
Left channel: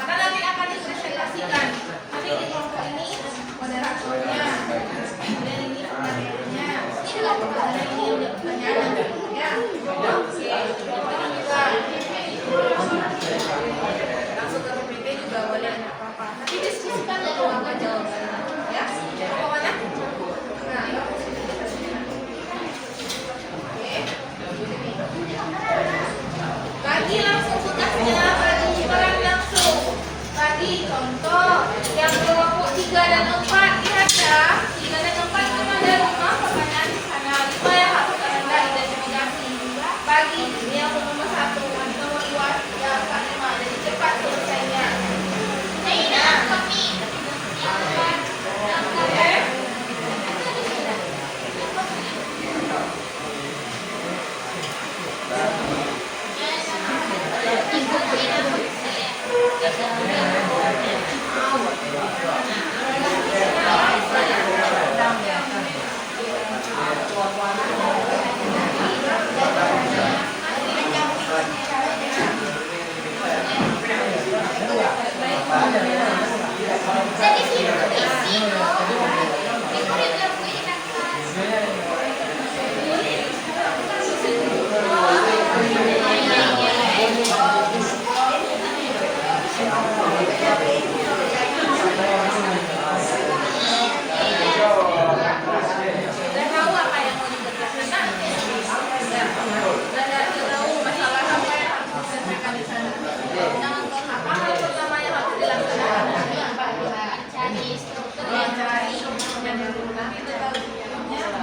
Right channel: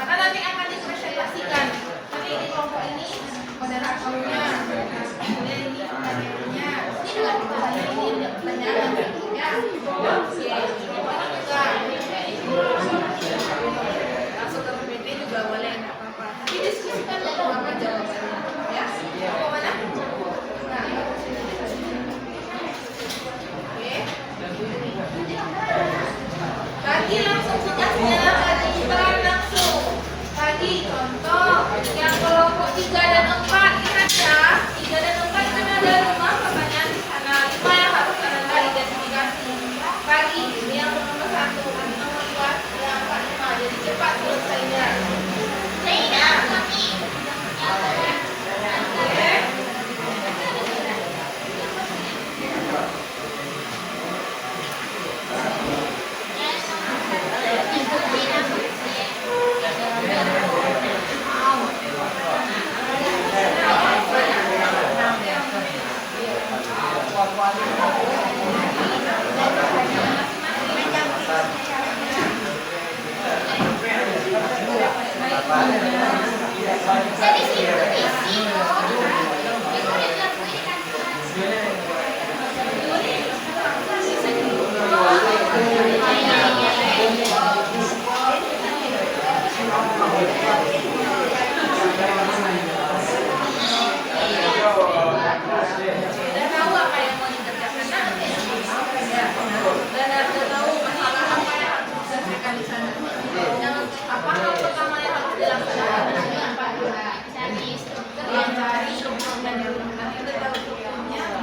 Karena nanti akan dipresentasikan. Nanti di kelompok ini moderatornya, ini pematerinya, ini pertanyaan ya. Langsung ke PPT juga boleh, nggak apa-apa. Nanti diskusikan dulu apa jawabannya, ya. Mau mana? Nah, bagi langsung tugasnya, bagikan langsung. Bagi contoh yang kelompok 3 dan 4 lihat ya. 3 dan 4 kan ada 5 pertanyaan di sana. 5 yang Udah tahu apa yang mau dikerjakan nanti. Ya, udah tahu masalah apa yang harus diselesaikan di sana. Yang apa hal pertama yang harus dilaksanakan? Cari struktur yang cari strukturnya dulu. Nanti udah tahu strukturnya apa,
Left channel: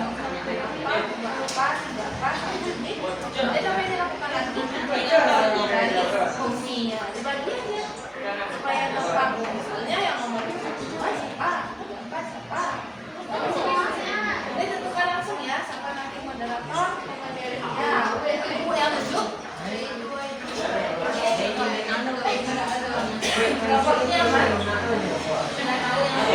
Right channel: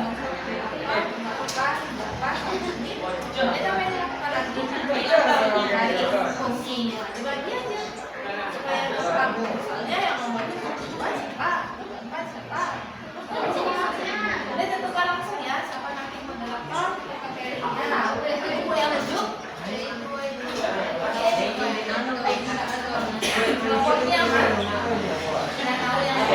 nanti sampai dilakukan lagi. Dari fungsinya dibagi aja supaya gampang. Misalnya yang nomor 2 siapa, 4 siapa. Ini tentukan langsung ya, siapa nanti moderator, materinya. Ibu yang nunjuk. Kelompoknya apa? Sudah tahu yang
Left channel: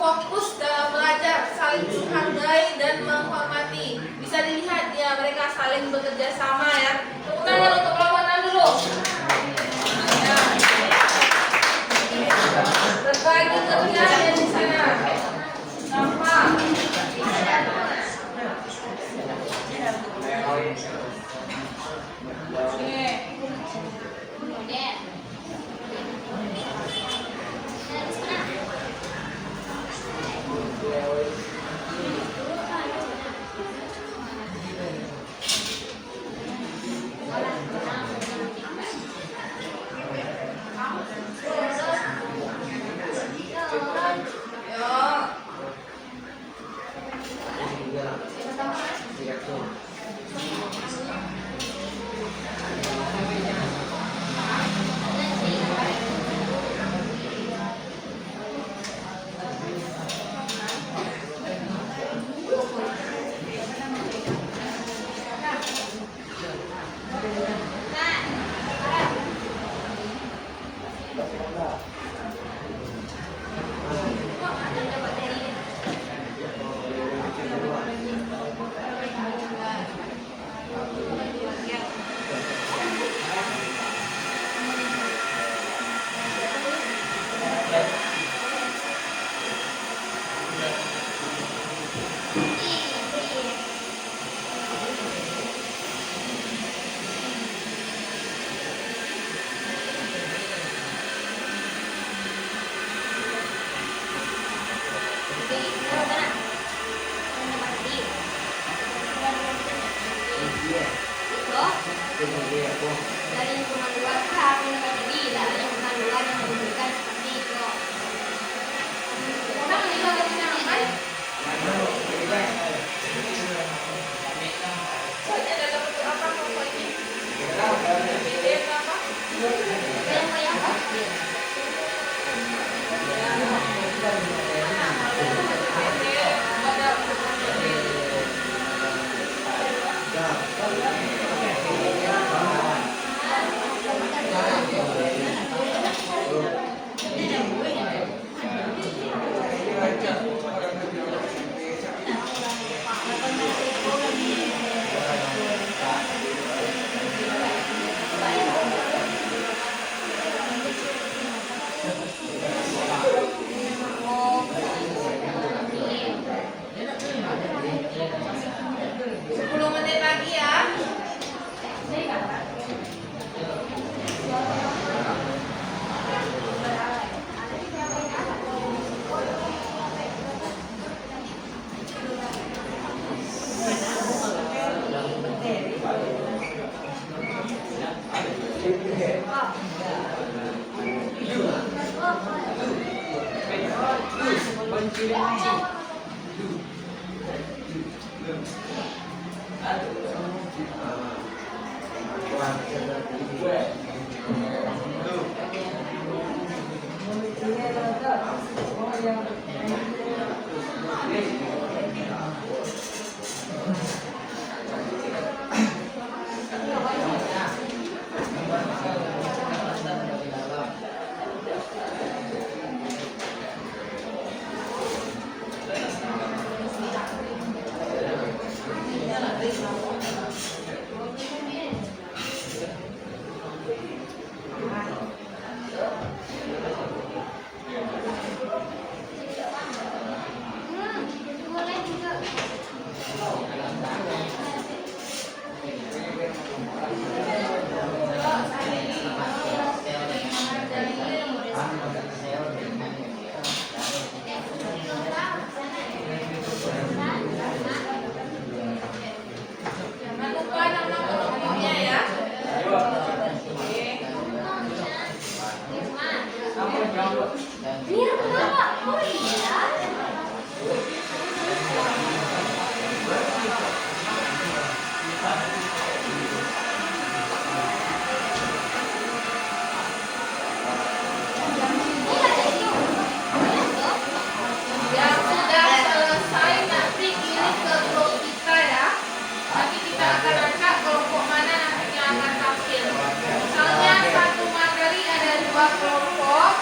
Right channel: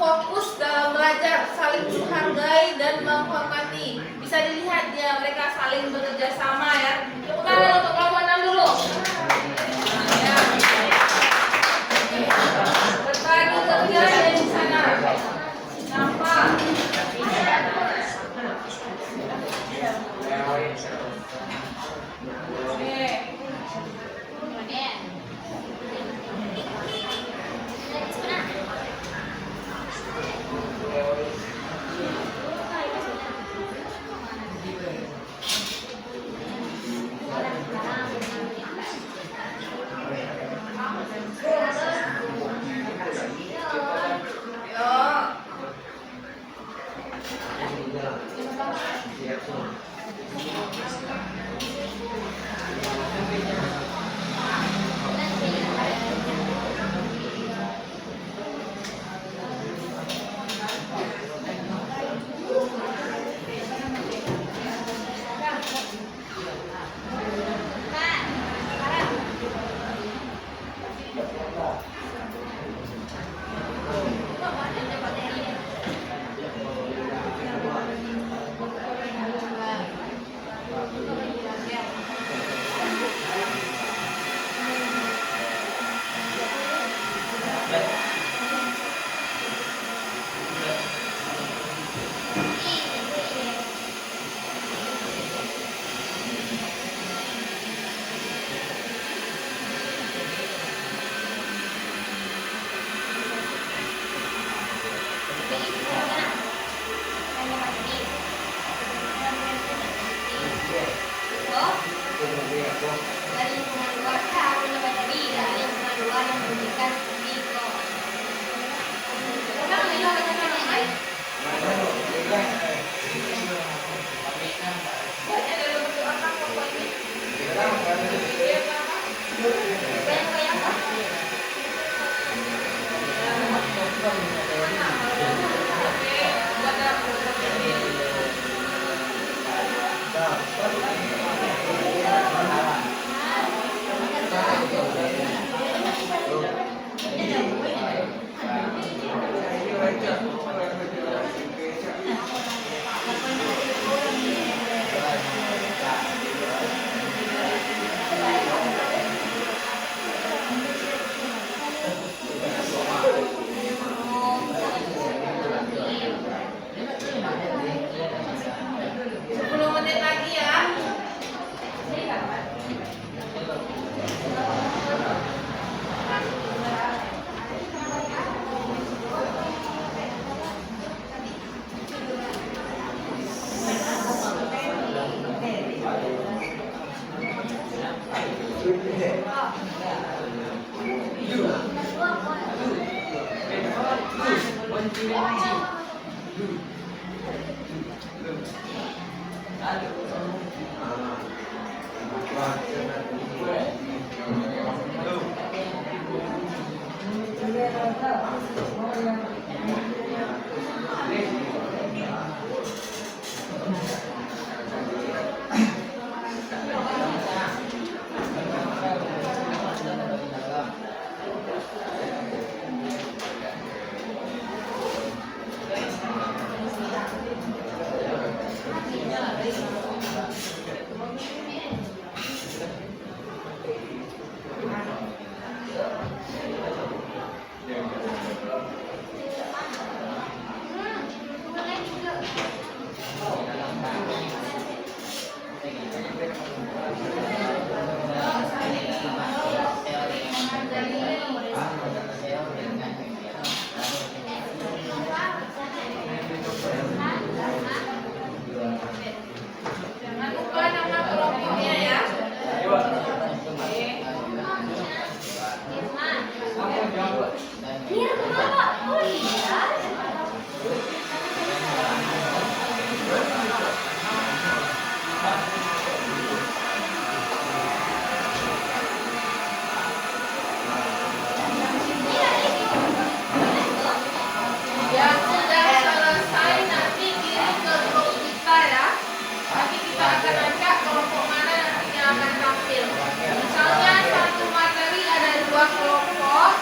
fokus dalam belajar, saling menghargai dan menghormati. Bisa dilihat ya, mereka saling bekerja sama ya. Tepuk tangan untuk perlawanan dulu. Berbagi kerja ada di sana. Apa? Oke. Yang sudah selesai nanti kirim ke grup kita ya. Nanti kita akan acak kelompok mana nantinya akan tampil. Misalnya satu materi ada 2 kelompok,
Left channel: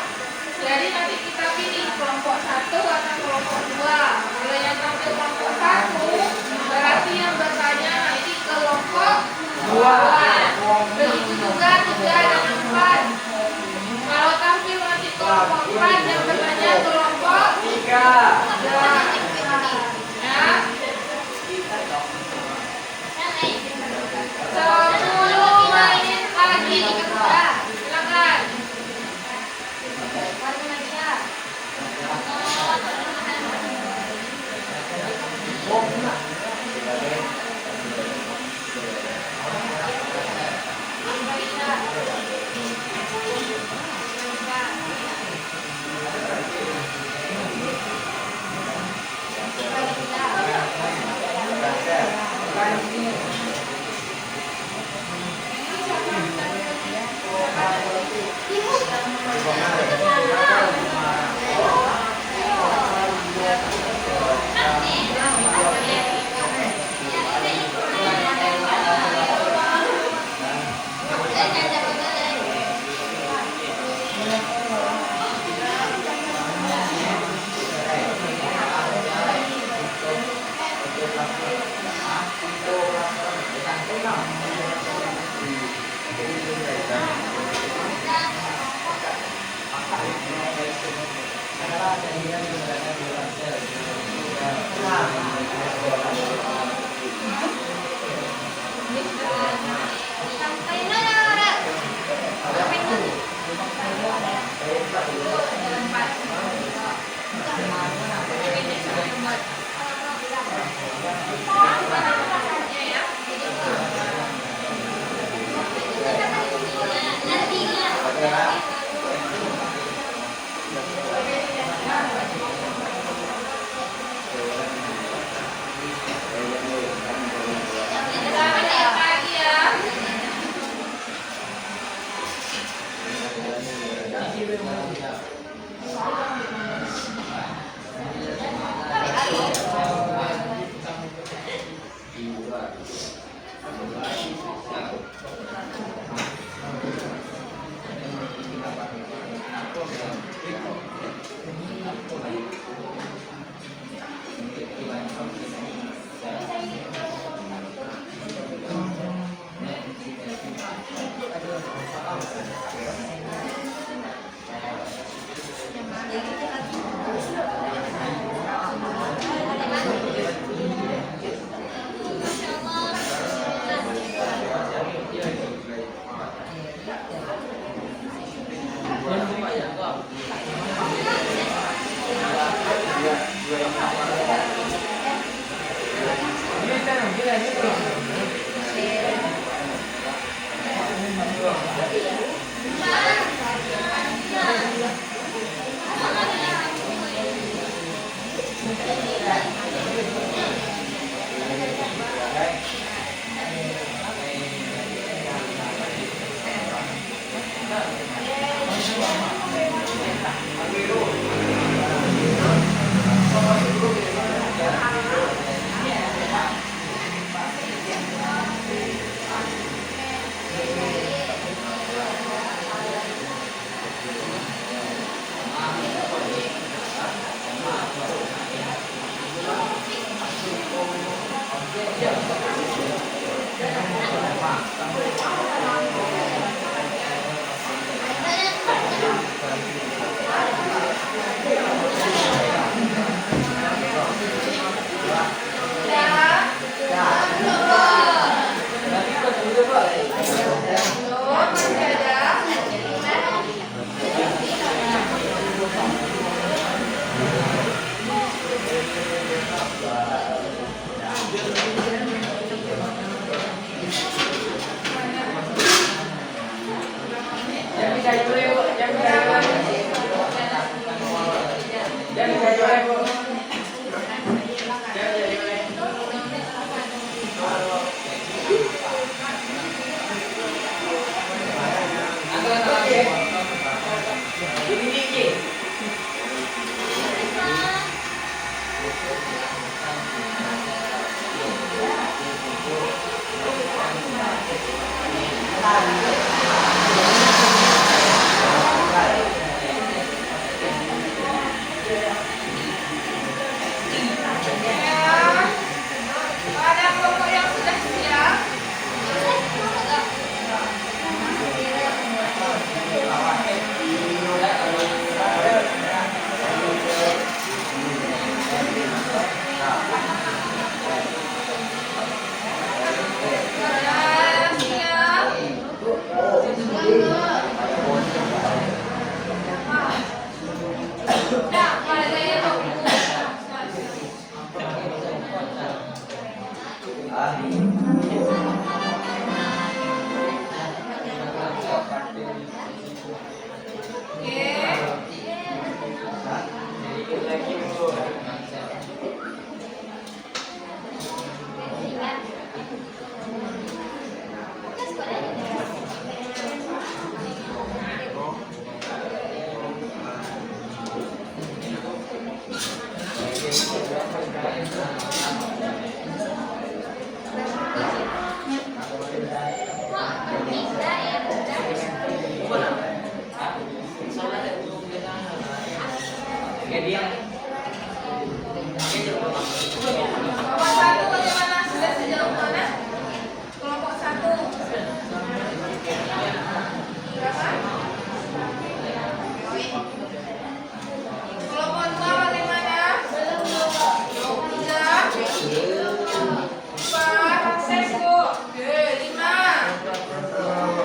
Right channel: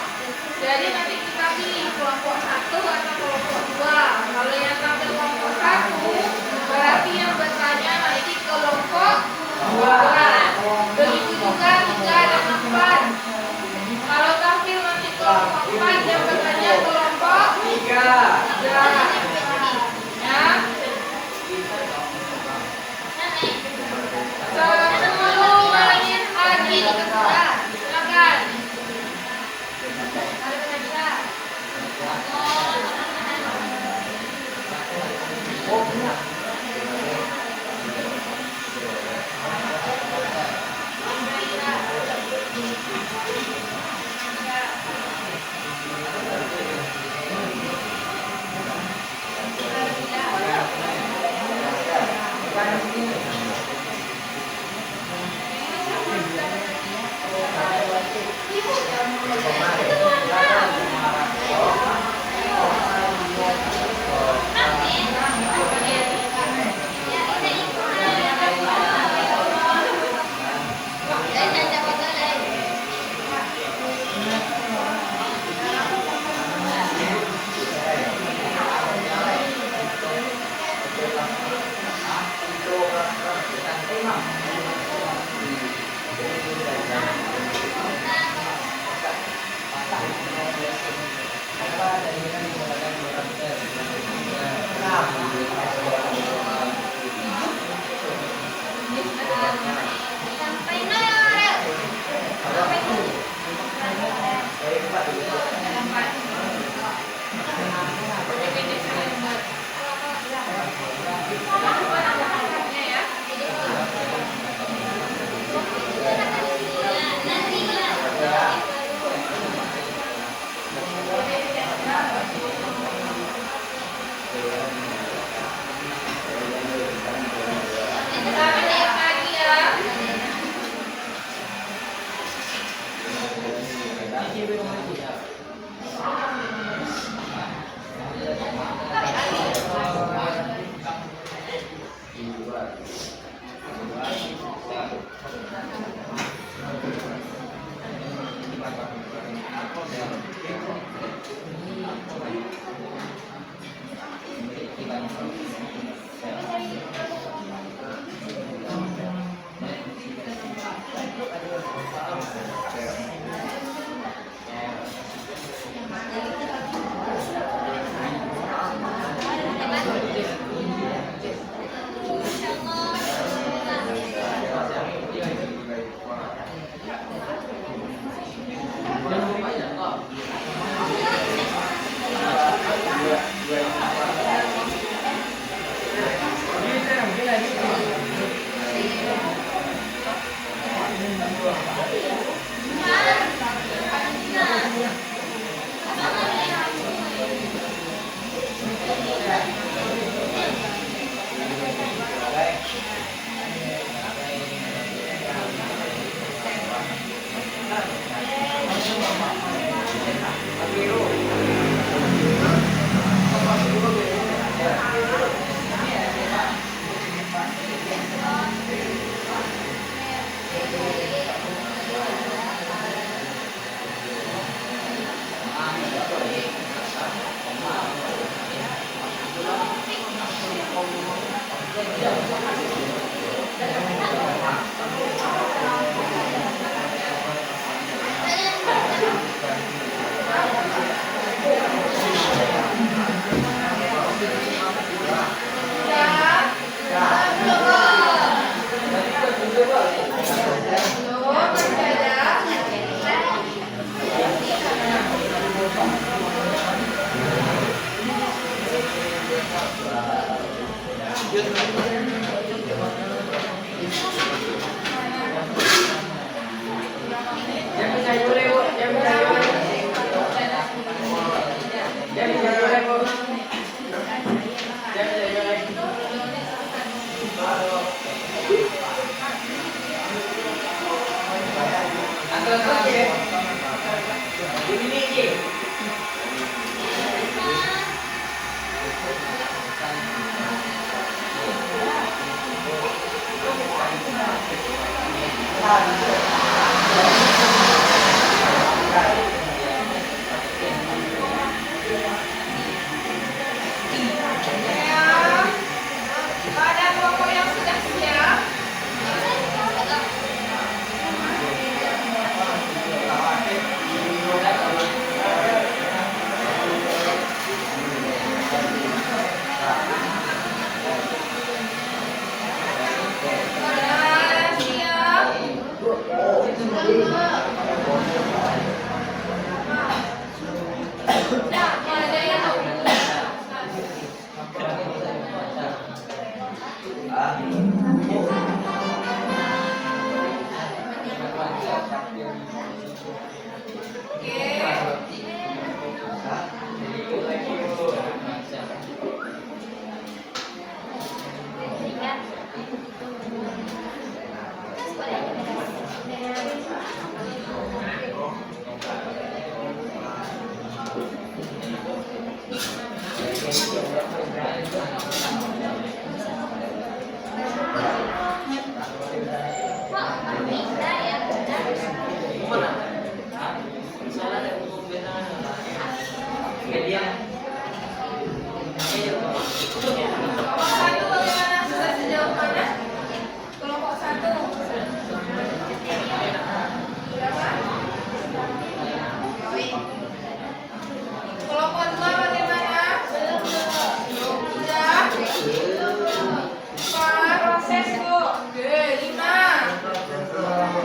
jadi nanti kita pilih kelompok 1 atau kelompok 2. Kalau yang tampil kelompok 1, berarti yang bertanya nanti kelompok 2. Begitu juga 3 dan 4. Kalau tampil nanti kelompok 4, yang bertanya kelompok 3. Ya. Semua ingin pagi silakan. Jadi Ini je. Ada kelompok yang sudah siap. Kelompok satu bagaimana? Sudah sejauh mana? Kelompok satu. Berapa? Kelompok dua bagaimana? Tiga. Empat. Oke, lima. Enam.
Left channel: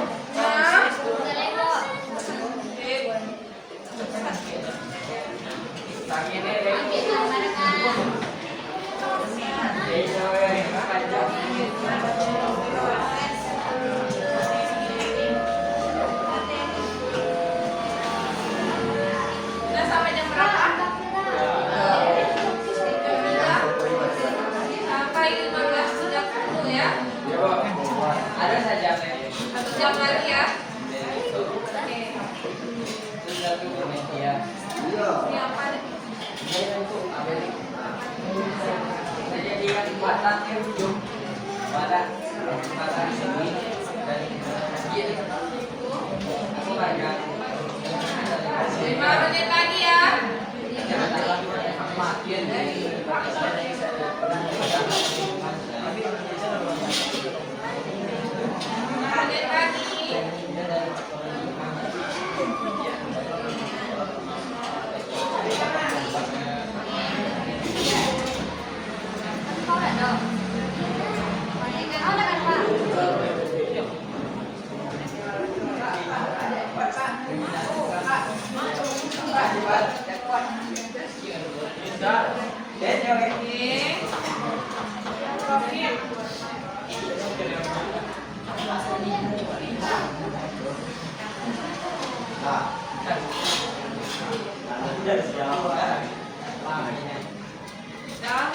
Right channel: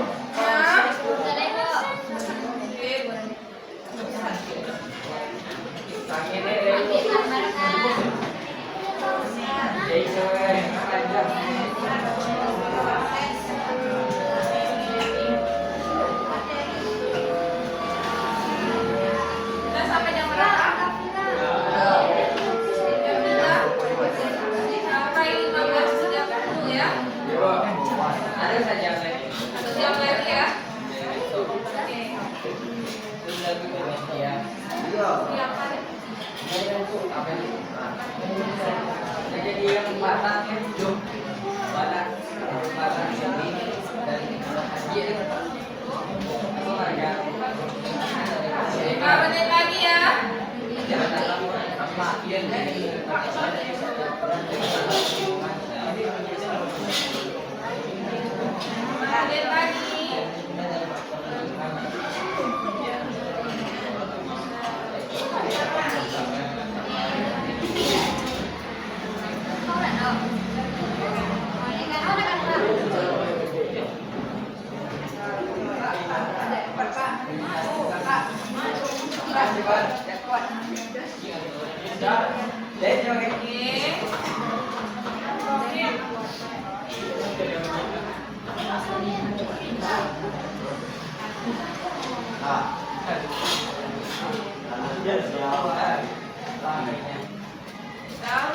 Udah sampai jam berapa? Jam 3 sampai 15.30 ya. Ada saja. 1 jam lagi ya. Oke. Siap Pak. Jadi yang patah itu pada ini dan dia di kota. Itu harga 5 menit lagi ya. makin Menit lagi. Down.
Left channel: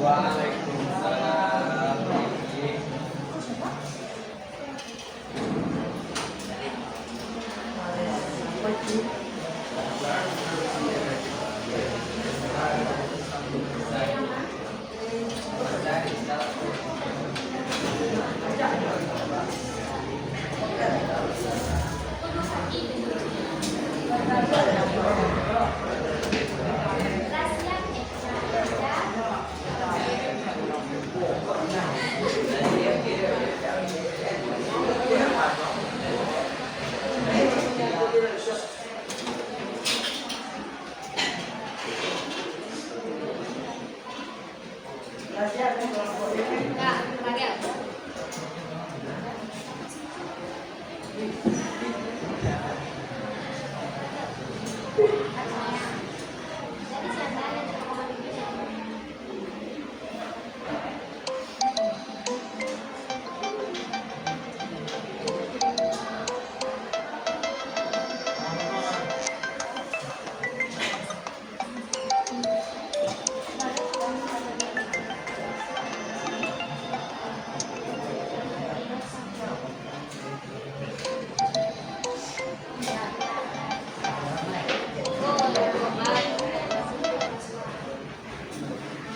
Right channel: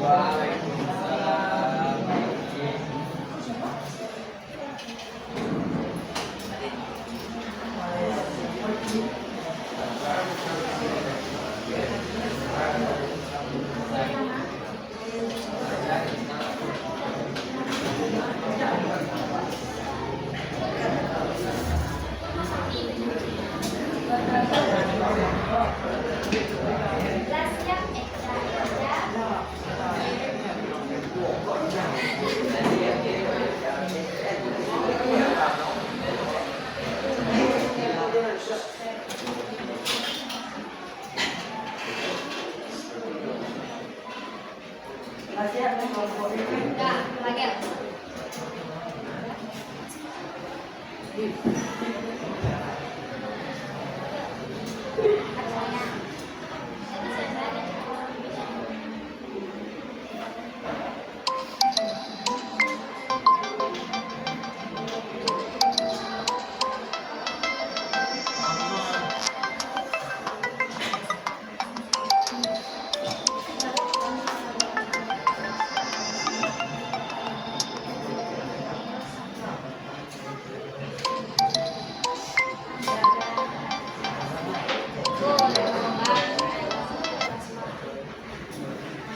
Waalaikumsalam.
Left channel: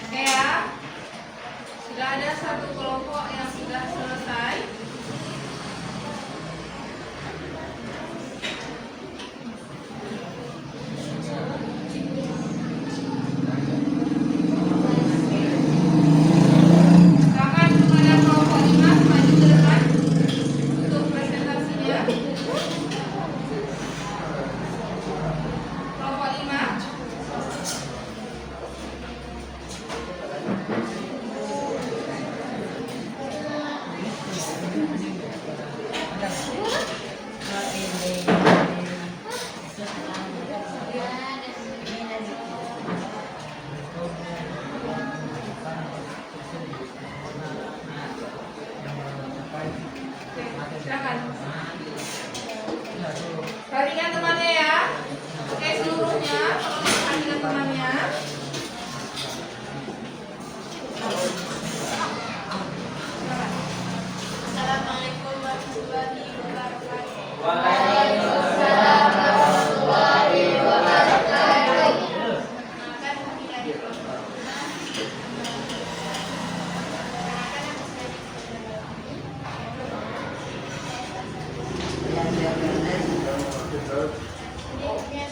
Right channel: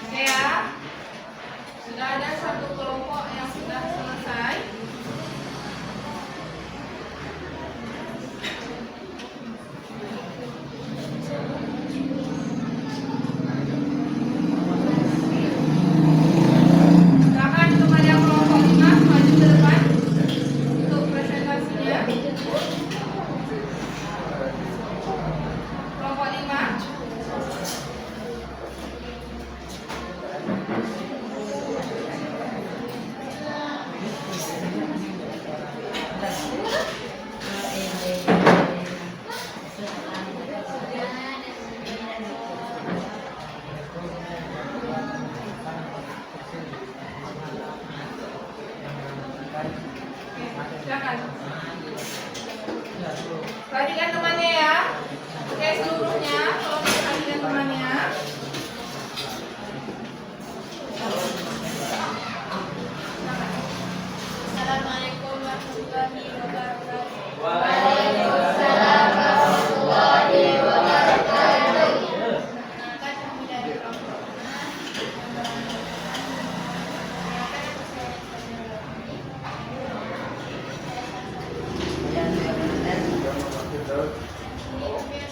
Oke ya, sudah ada satu kelompok yang sudah selesai. Silakan kepada kelompok 5 maju ke depan untuk presentasinya. Kelompok 5. Silakan. Perhatikan temannya ya. Oke, seluruhnya tolong perhatikan temannya. Assalamualaikum warahmatullahi wabarakatuh. Waalaikumsalam warahmatullahi wabarakatuh. Perkenalkan kami dari kelompok 5. Ini kami akan membahas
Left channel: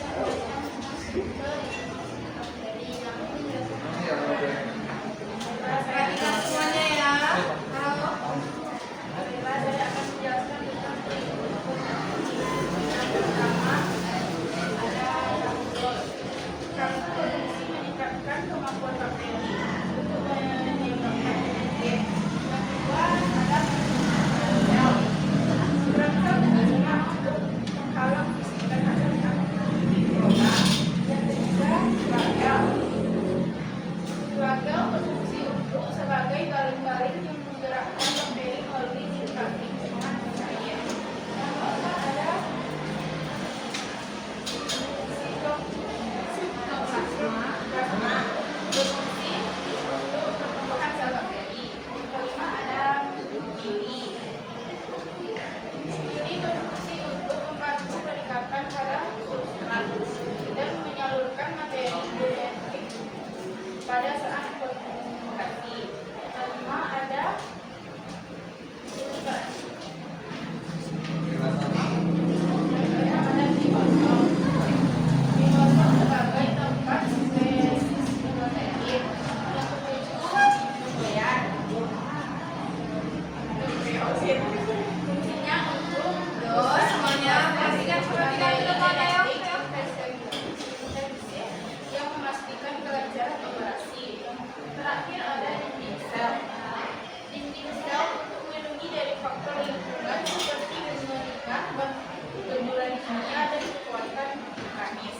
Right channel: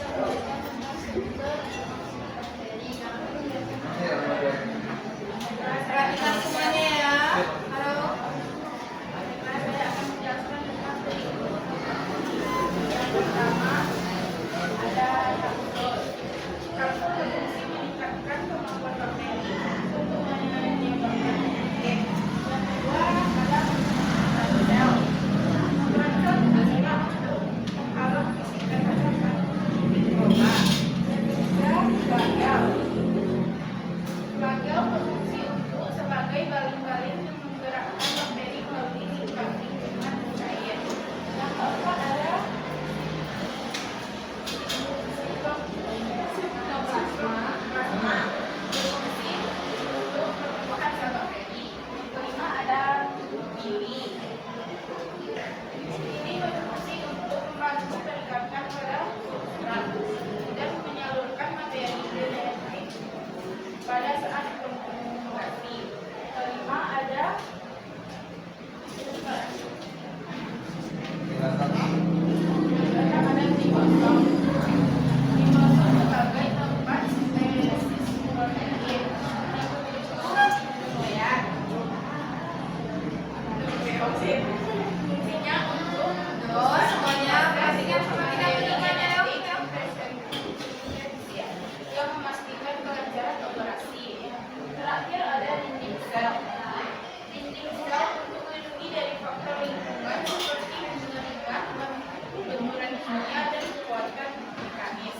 tentang struktur bakteri yang Perhatikan semuanya ya. Halo. saya akan menjelaskan tentang struktur bakteri. Yang pertama ada yang berfungsi meningkatkan kemampuan bakteri untuk menangani bakteri. Yang kedua ada sel. Merangsang fungsinya untuk menghalau fisik dan terhadap mikroba. Yang ketiga flagel. Flagel berfungsi untuk sebagai baling-baling yang menggerakkan bakteri melalui lingkungan cair. Yang keempat ada plasma berfungsi untuk pertumbuhan sel bakteri. Yang kelima ada pili. Ini berfungsi untuk membantu peningkatan pada substrat dan menyalurkan materi DNA pada saat komunikasi. Kelima ada ada ribosom. Ribosom sebagai tempat sintesis protein yang menuju nuklear. Fungsinya untuk Terus semuanya perhatikan temannya. yang memastikan kelancaran operasi. Terakhir ada dinding sel. Dinding sel untuk melindungi dari faktor lingkungan seperti mengeringkan, benturan kimia, dan kekuatan mekanis.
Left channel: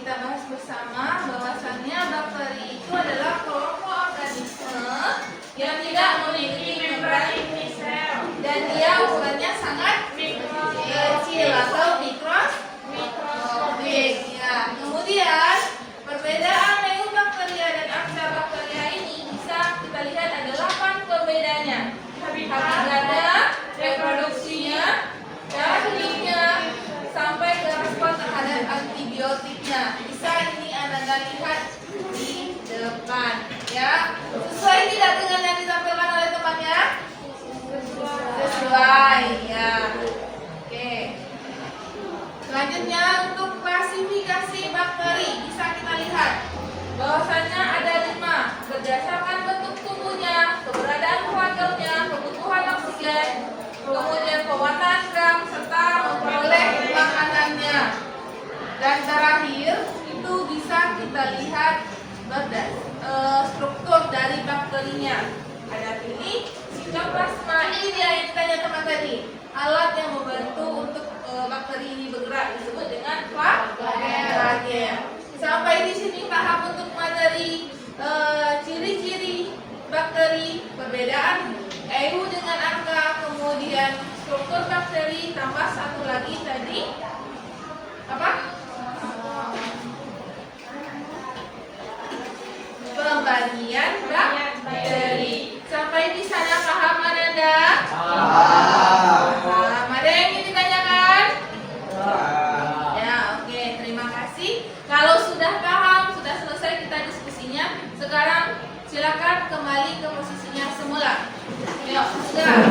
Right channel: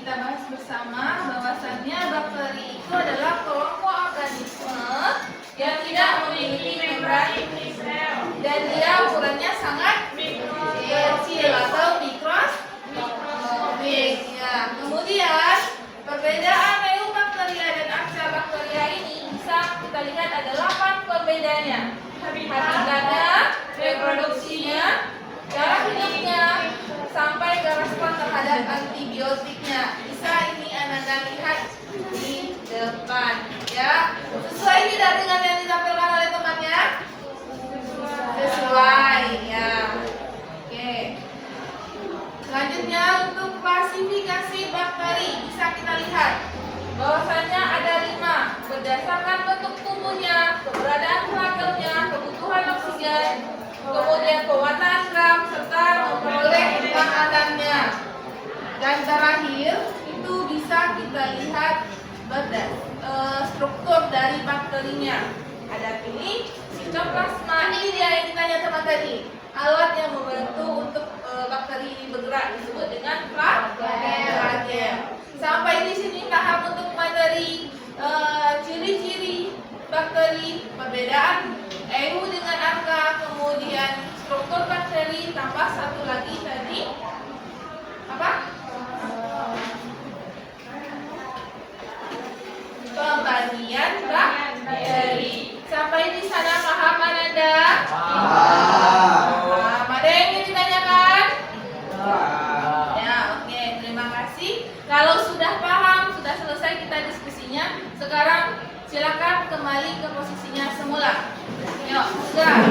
kita bahas bersama bahwasannya bakteri itu adalah kelompok organisme yang tidak memiliki membran dan dia ukurannya sangat kecil atau mikroskopik. Ya, kemudian perbedaan eubakteria dan archaebacteria ini bisa kita lihat ada 8 pembedanya. Hakikatnya, reproduksinya, tekniknya, sampai ke respon terhadap antibiotiknya. Bisa ini Anda lihat di depan, ya. Sesuai tidak dengan yang disampaikan oleh temannya? Sesuai, ya. Oke. Selanjutnya untuk klasifikasi bakteri bisa kita lihat bahwasanya ada 5 berdasarkan bentuk tubuhnya, keberadaan flagelnya, kebutuhan oksigen, kemudian kekuatan gram serta memperoleh makanannya. Dan terakhir itu bisa kita lihat struktur dari bakterinya. Ada pilih Cytoplasma, ini dia yang ditanya teman tadi. Alat yang membantu untuk bakteri ini bergerak disebut dengan flagel. Sampai di sini paham untuk materi ciri-ciri bakteri, perbedaan EU dengan arka, kemudian struktur bakteri, tambah satu lagi tadi apa? Pembagian bakteri. Sampai di sana paham Ananda? Ada yang ingin ditanyakan? Ya, oke, terima kasih. Kalau sudah paham, sudah selesai kita diskusinya. Sekarang silakan kembali ke posisinya semula. Yuk, sudah.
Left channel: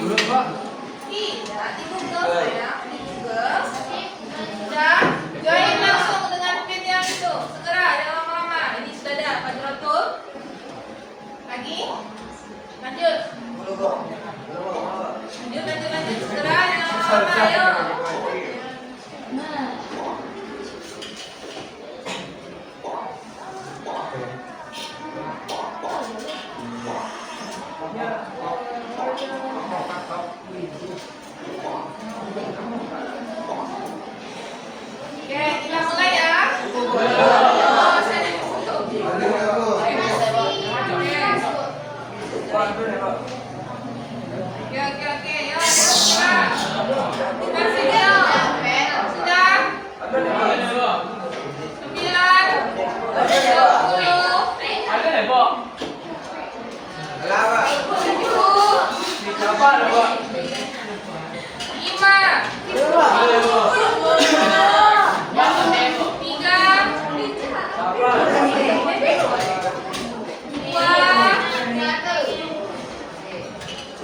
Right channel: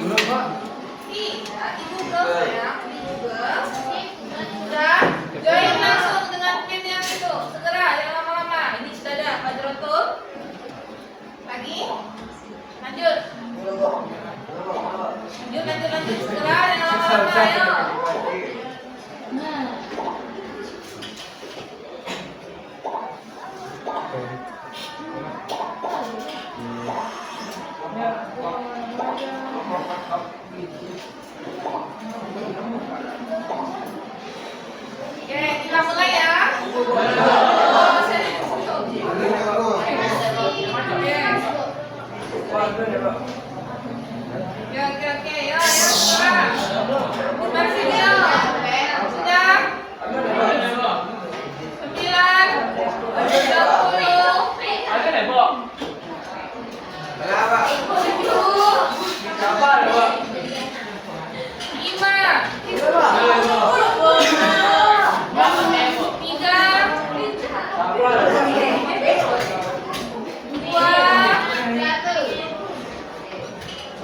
2, 1.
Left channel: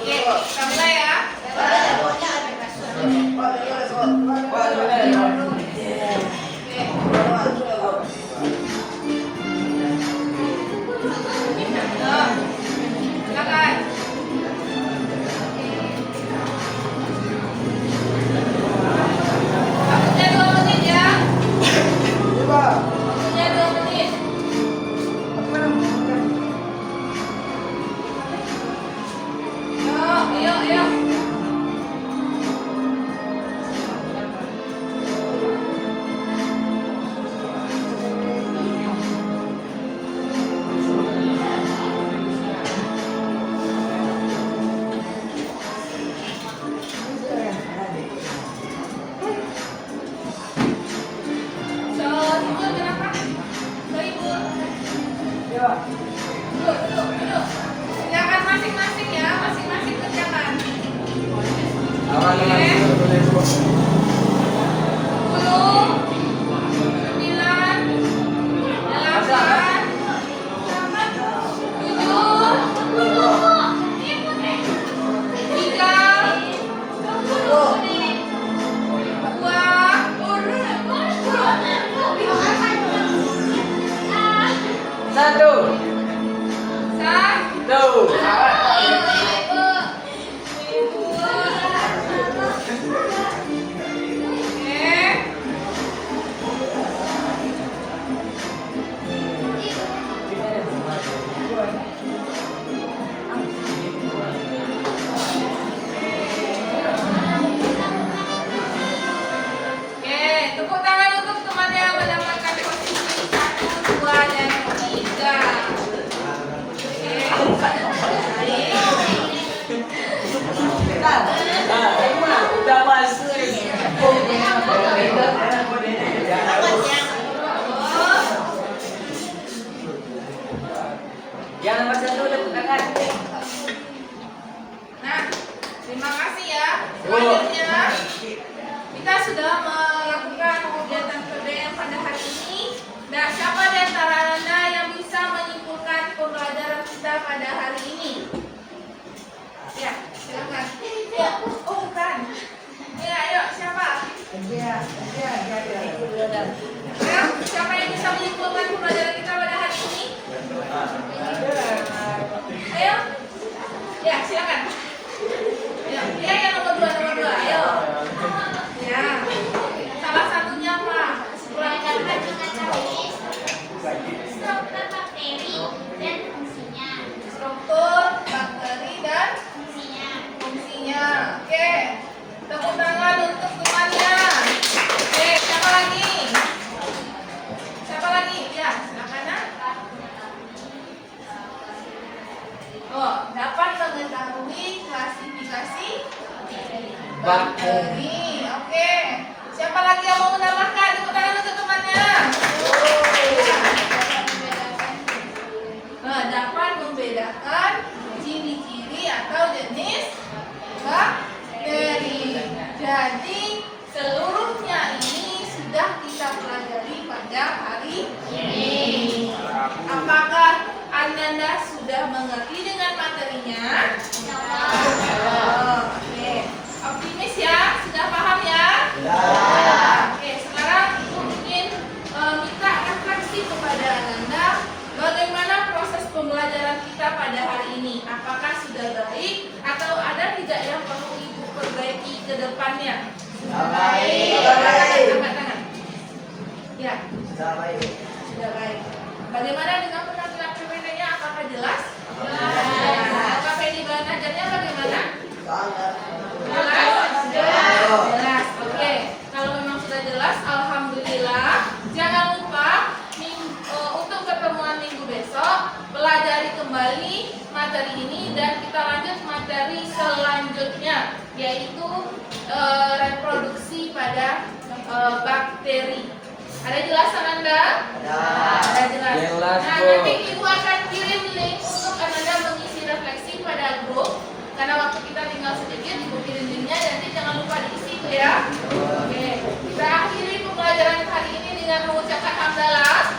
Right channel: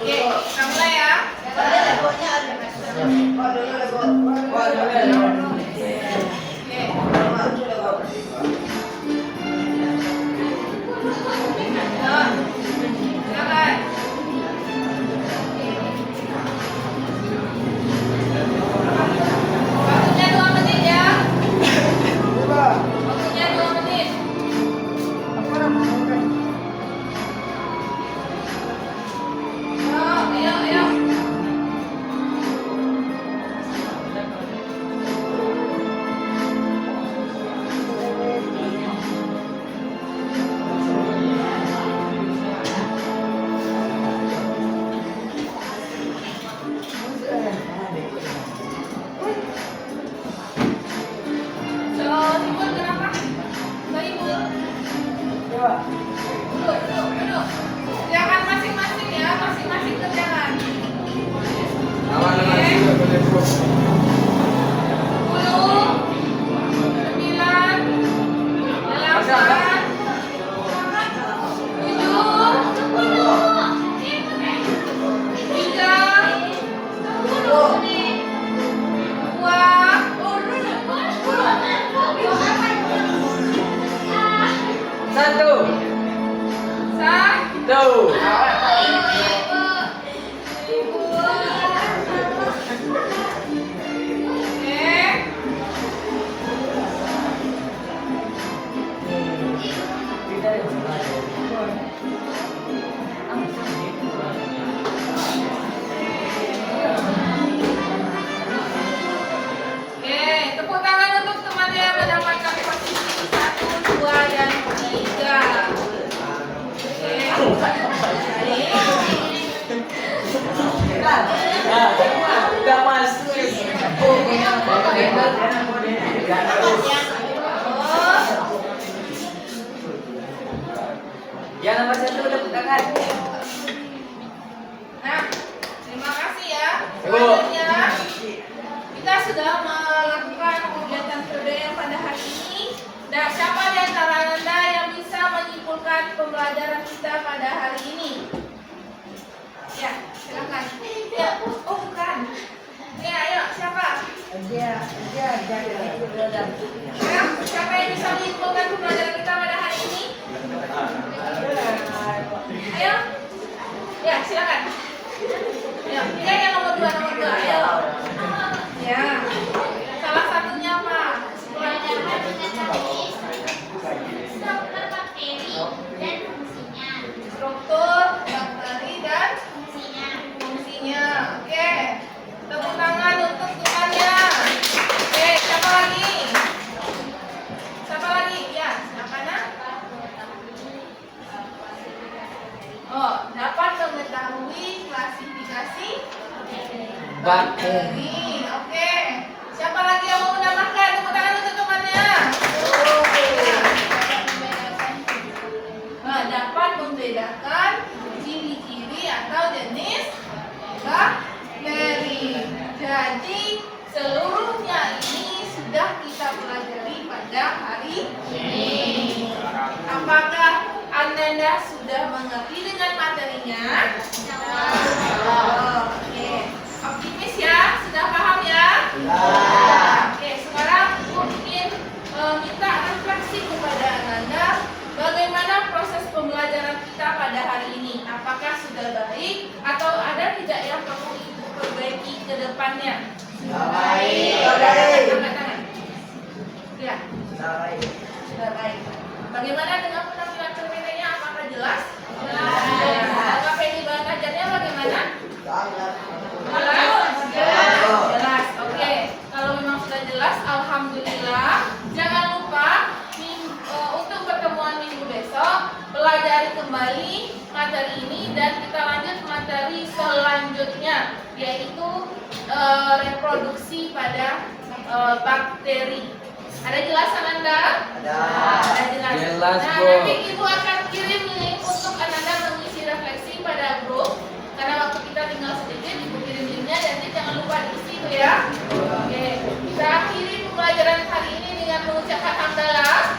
Oke. Kamila ya. Waktunya 2 menit ya. Waktunya 2 menit. Ayo, ayo, ayo. So, Ibu kenapa? So, Ibu. Duduk. Kerjakan masing-masing ya, masing-masing kerjakan. Oke. 10, 9, 8, tepuk tangan untuk teman yang mendapatkan posisi 1, 2, dan 3. Yang nomor 1 tepuk tangan. Nah, terima kasih ya. Selanjutnya, kita sudah melakukan kegiatan KBM pada hari ini. Nah, siapa di antara Anda yang bisa menyimpulkan pembelajaran kita pada hari ini? Ya, silakan. Ya, oh bukan. Ya, ayo, siapa? Ya, siapa yang bisa menyimpulkan pembelajaran kita pada hari ini? Ayo. Ya, silakan. Ya, dia yang nomor 2, ayo. Ya. Salah satunya apa? Struktur, bakteri, dan fungsinya. Oke. Tepuk tangan untuk temannya. Oke, siapa lagi? Siapa lagi? Ya, silakan ya. Oh, dapat mengetahui klasifikasi bakteri. Oke. Siapa lagi yang mau menambahkan? Tepuk tangan untuk temannya. Nah, dapat membedakan ciri-ciri atau jenis bakteri. Jadi, seluruhnya ini sudah kita pelajari pada hari ini. Apakah Ananda sudah mengerti dengan materinya? Oke. Optimis ya? Sudah paham ya? Oke, sekarang mungkin minta refleksi kepada Ananda. Bagaimana proses pembelajaran kita pada hari ini? Apakah sudah baik atau ada tidak yang perlu Ibu perbaiki ke depannya? Sudah baik. Angkat tangan. Ya. Sudah baik. Bagaimana dengan penampilan PPT-nya? Apakah jelas? Apakah pedi belajarnya bagaimana? Jelas. Oke. Kalau memang sudah jelas, alhamdulillah. Jangan lupa untuk pertemuan minggu besok pelajari kembali materi ini dan kita lanjut materi selanjutnya, yaitu reproduksi pada bakteri. Ada jelasan Anda? Ada jelas. Nah, nanti Ibu akan kirim link untuk Anda mengisi refleksi pada grup. Karena waktu kita tinggal sedikit, Ibu kirim linknya, jadi jangan lupa diisi itu ya. Oke, kita akhiri pembelajaran hari ini dengan mengucapkan hamdalah.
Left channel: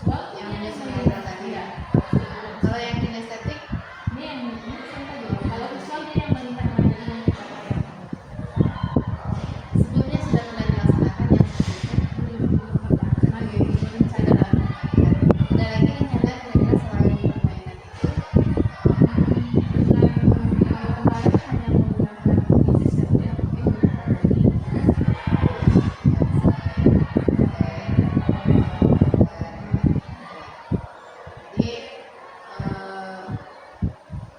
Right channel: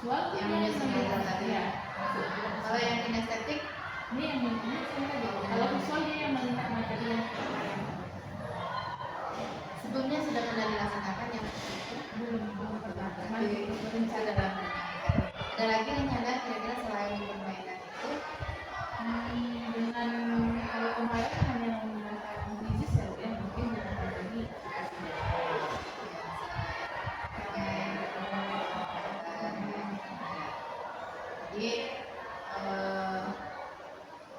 visual yang ini menyusun melihat visual tadi. ya. Kalau yang kinestetik Ini yang kalau visual dia yang melihat materi yang kita bayangkan. sebelumnya sudah pernah dilaksanakan yang seperti itu. Belum pernah Berarti sudah lama. Ada lagi rencana kira-kira selain permainan itu? dengan kalau kemarin hanya menggunakan visual ya, mungkin menggunakan ini. Jadi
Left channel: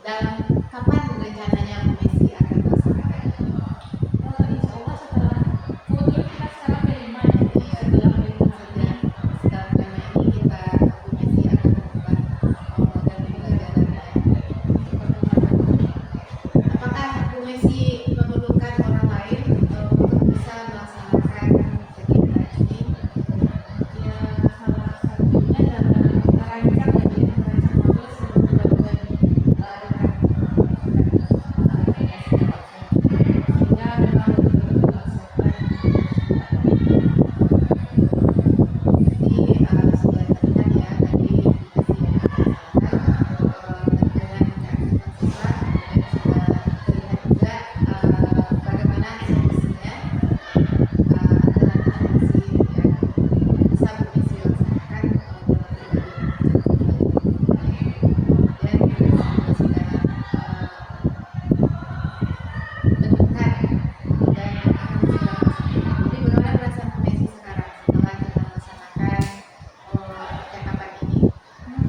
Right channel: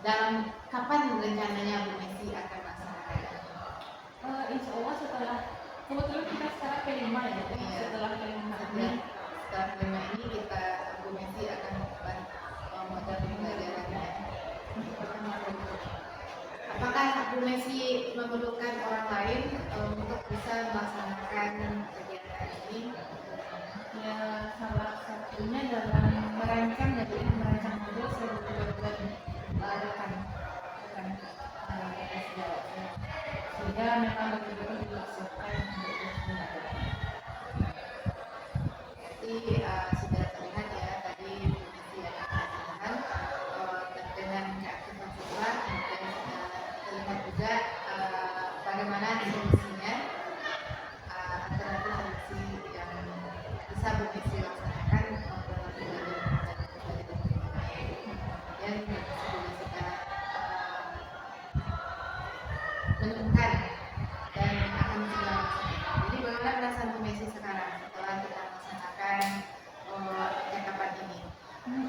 dalam kapan rencananya Bu Messi akan melaksanakan? Insya Allah setelah kebetulan kita sekarang P5 ya, Iya. setelah P5 ini Setelah kelima ini kita Bu Messi akan membuat model pembelajarannya. Apakah Bu Messi memerlukan orang lain untuk bisa melaksanakan kegiatan ini? ya salah satunya dalam merancang modul seluruh bagian sehingga memang betul-betul dilaksanakan. Jadi sudah terlihat ya tadi Bu Messi yang melaksanakan dengan keaktifan siswa dan sudah terlihat juga bagaimana solusinya adalah solusi yang bisa Bu Messi laksanakan dalam dan Bu Messi juga sudah menemukan dan akan segera melaksanakan. Jadi bagaimana perasaan Bu Messi sekarang setelah kita melaksanakan percakapan ini?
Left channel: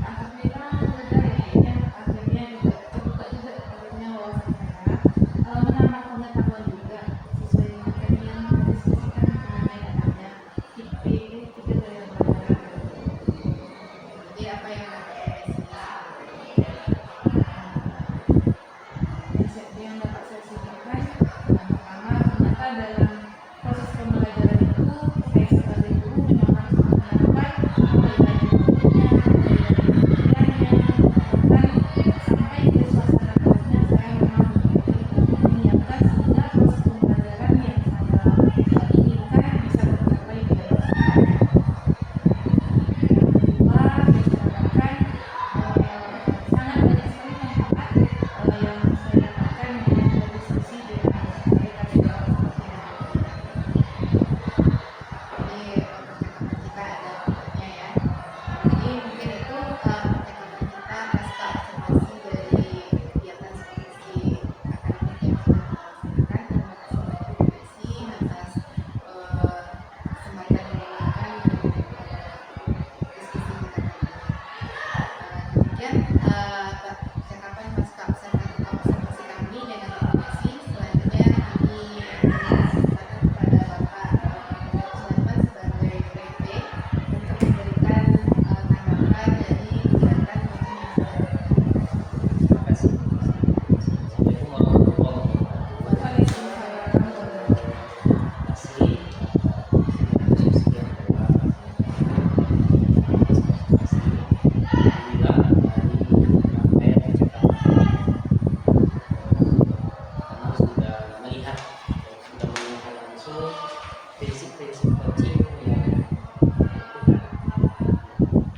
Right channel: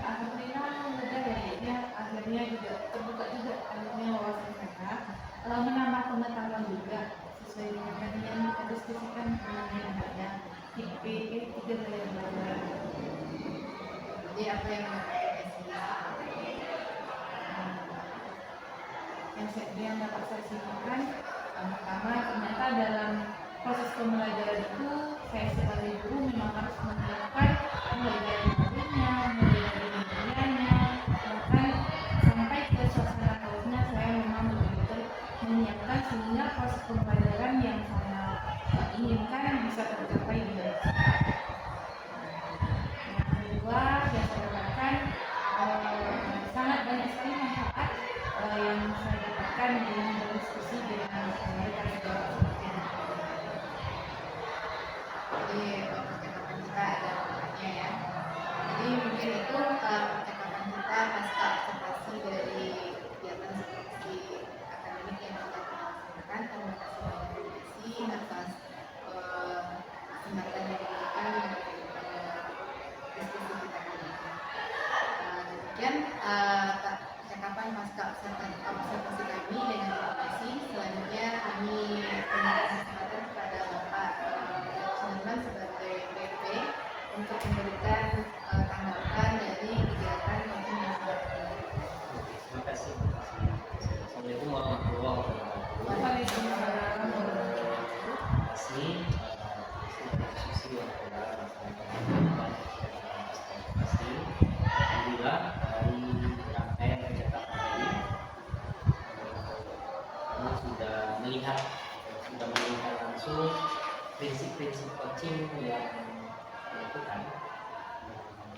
Alhamdulillah lega ya, akhirnya juga terbuka juga akhirnya wawasan saya, menambah pengetahuan juga sesuai dengan tadi yang kita diskusikan mengenai adanya IP tiga gaya belajar. Jadi apa yang dapat Bu Messi? Yang dapat saya simpulkan, yang pertama ternyata dalam proses pembelajaran itu saya sebagai guru memang harus melakukan mulai dari bentuknya, mulai dari pengertiannya, bahkan sampai ke suasana kelasnya saya memang betul-betul menyiapkan sehingga proses pembelajaran yang saya inginkan bisa tercapai dengan maksimal. Yang kedua yang saya dapatkan sangat banyak sekali manfaat yang saya dapatkan dengan berdiskusi dengan rekan sejawat seperti ini. Jadi percakapan kita ada manfaatnya ya. Jadi mungkin itu percakapan kita pasca observasi dari kegiatan seperti akademik yang sudah kita laksanakan. Terima kasih banyak Bu Messi atas kesempatan yang diberikan dan diskusi kita kali ini. Demikian percakapan pasca observasi kami dengan Bu Messi. Selanjutnya kami memberikan kesempatan kepada Bapak Sudarman sebagai PP untuk memberikan tanggapan dari kegiatan coaching yang sudah dilakukan. Terima kasih. Assalamualaikum warahmatullahi wabarakatuh. Waalaikumsalam warahmatullahi Terima kasih diskusi yang telah Alhamdulillah dari rangkaian percakapan kami sudah melihat langsung prinsip-prinsip coaching yang dilakukan.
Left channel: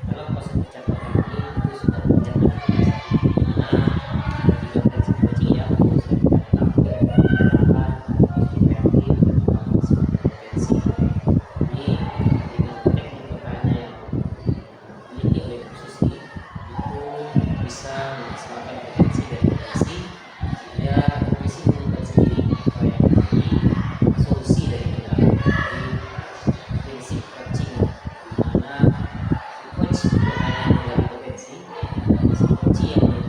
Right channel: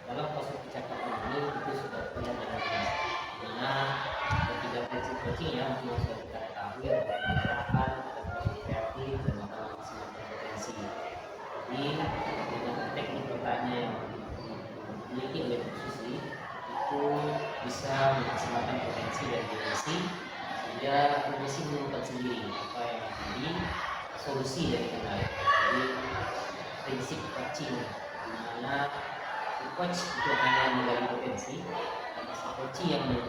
Dalam proses percakapan ini itu sudah terlihat dengan jelas dimana tiga prinsip coaching yang sudah kita ketahui ada penerapan, ada positif reaktif, dan pengalaman kompetensi. Ini dengan teknik bertanya yang dimiliki oleh Bu Susi itu bisa memaksimalkan potensi dari komisi sehingga komisi menemukan sendiri apa yang menjadi solusi dari kendala dari prinsip coaching di mana si coach bukan hanya menggali potensi, si coach yang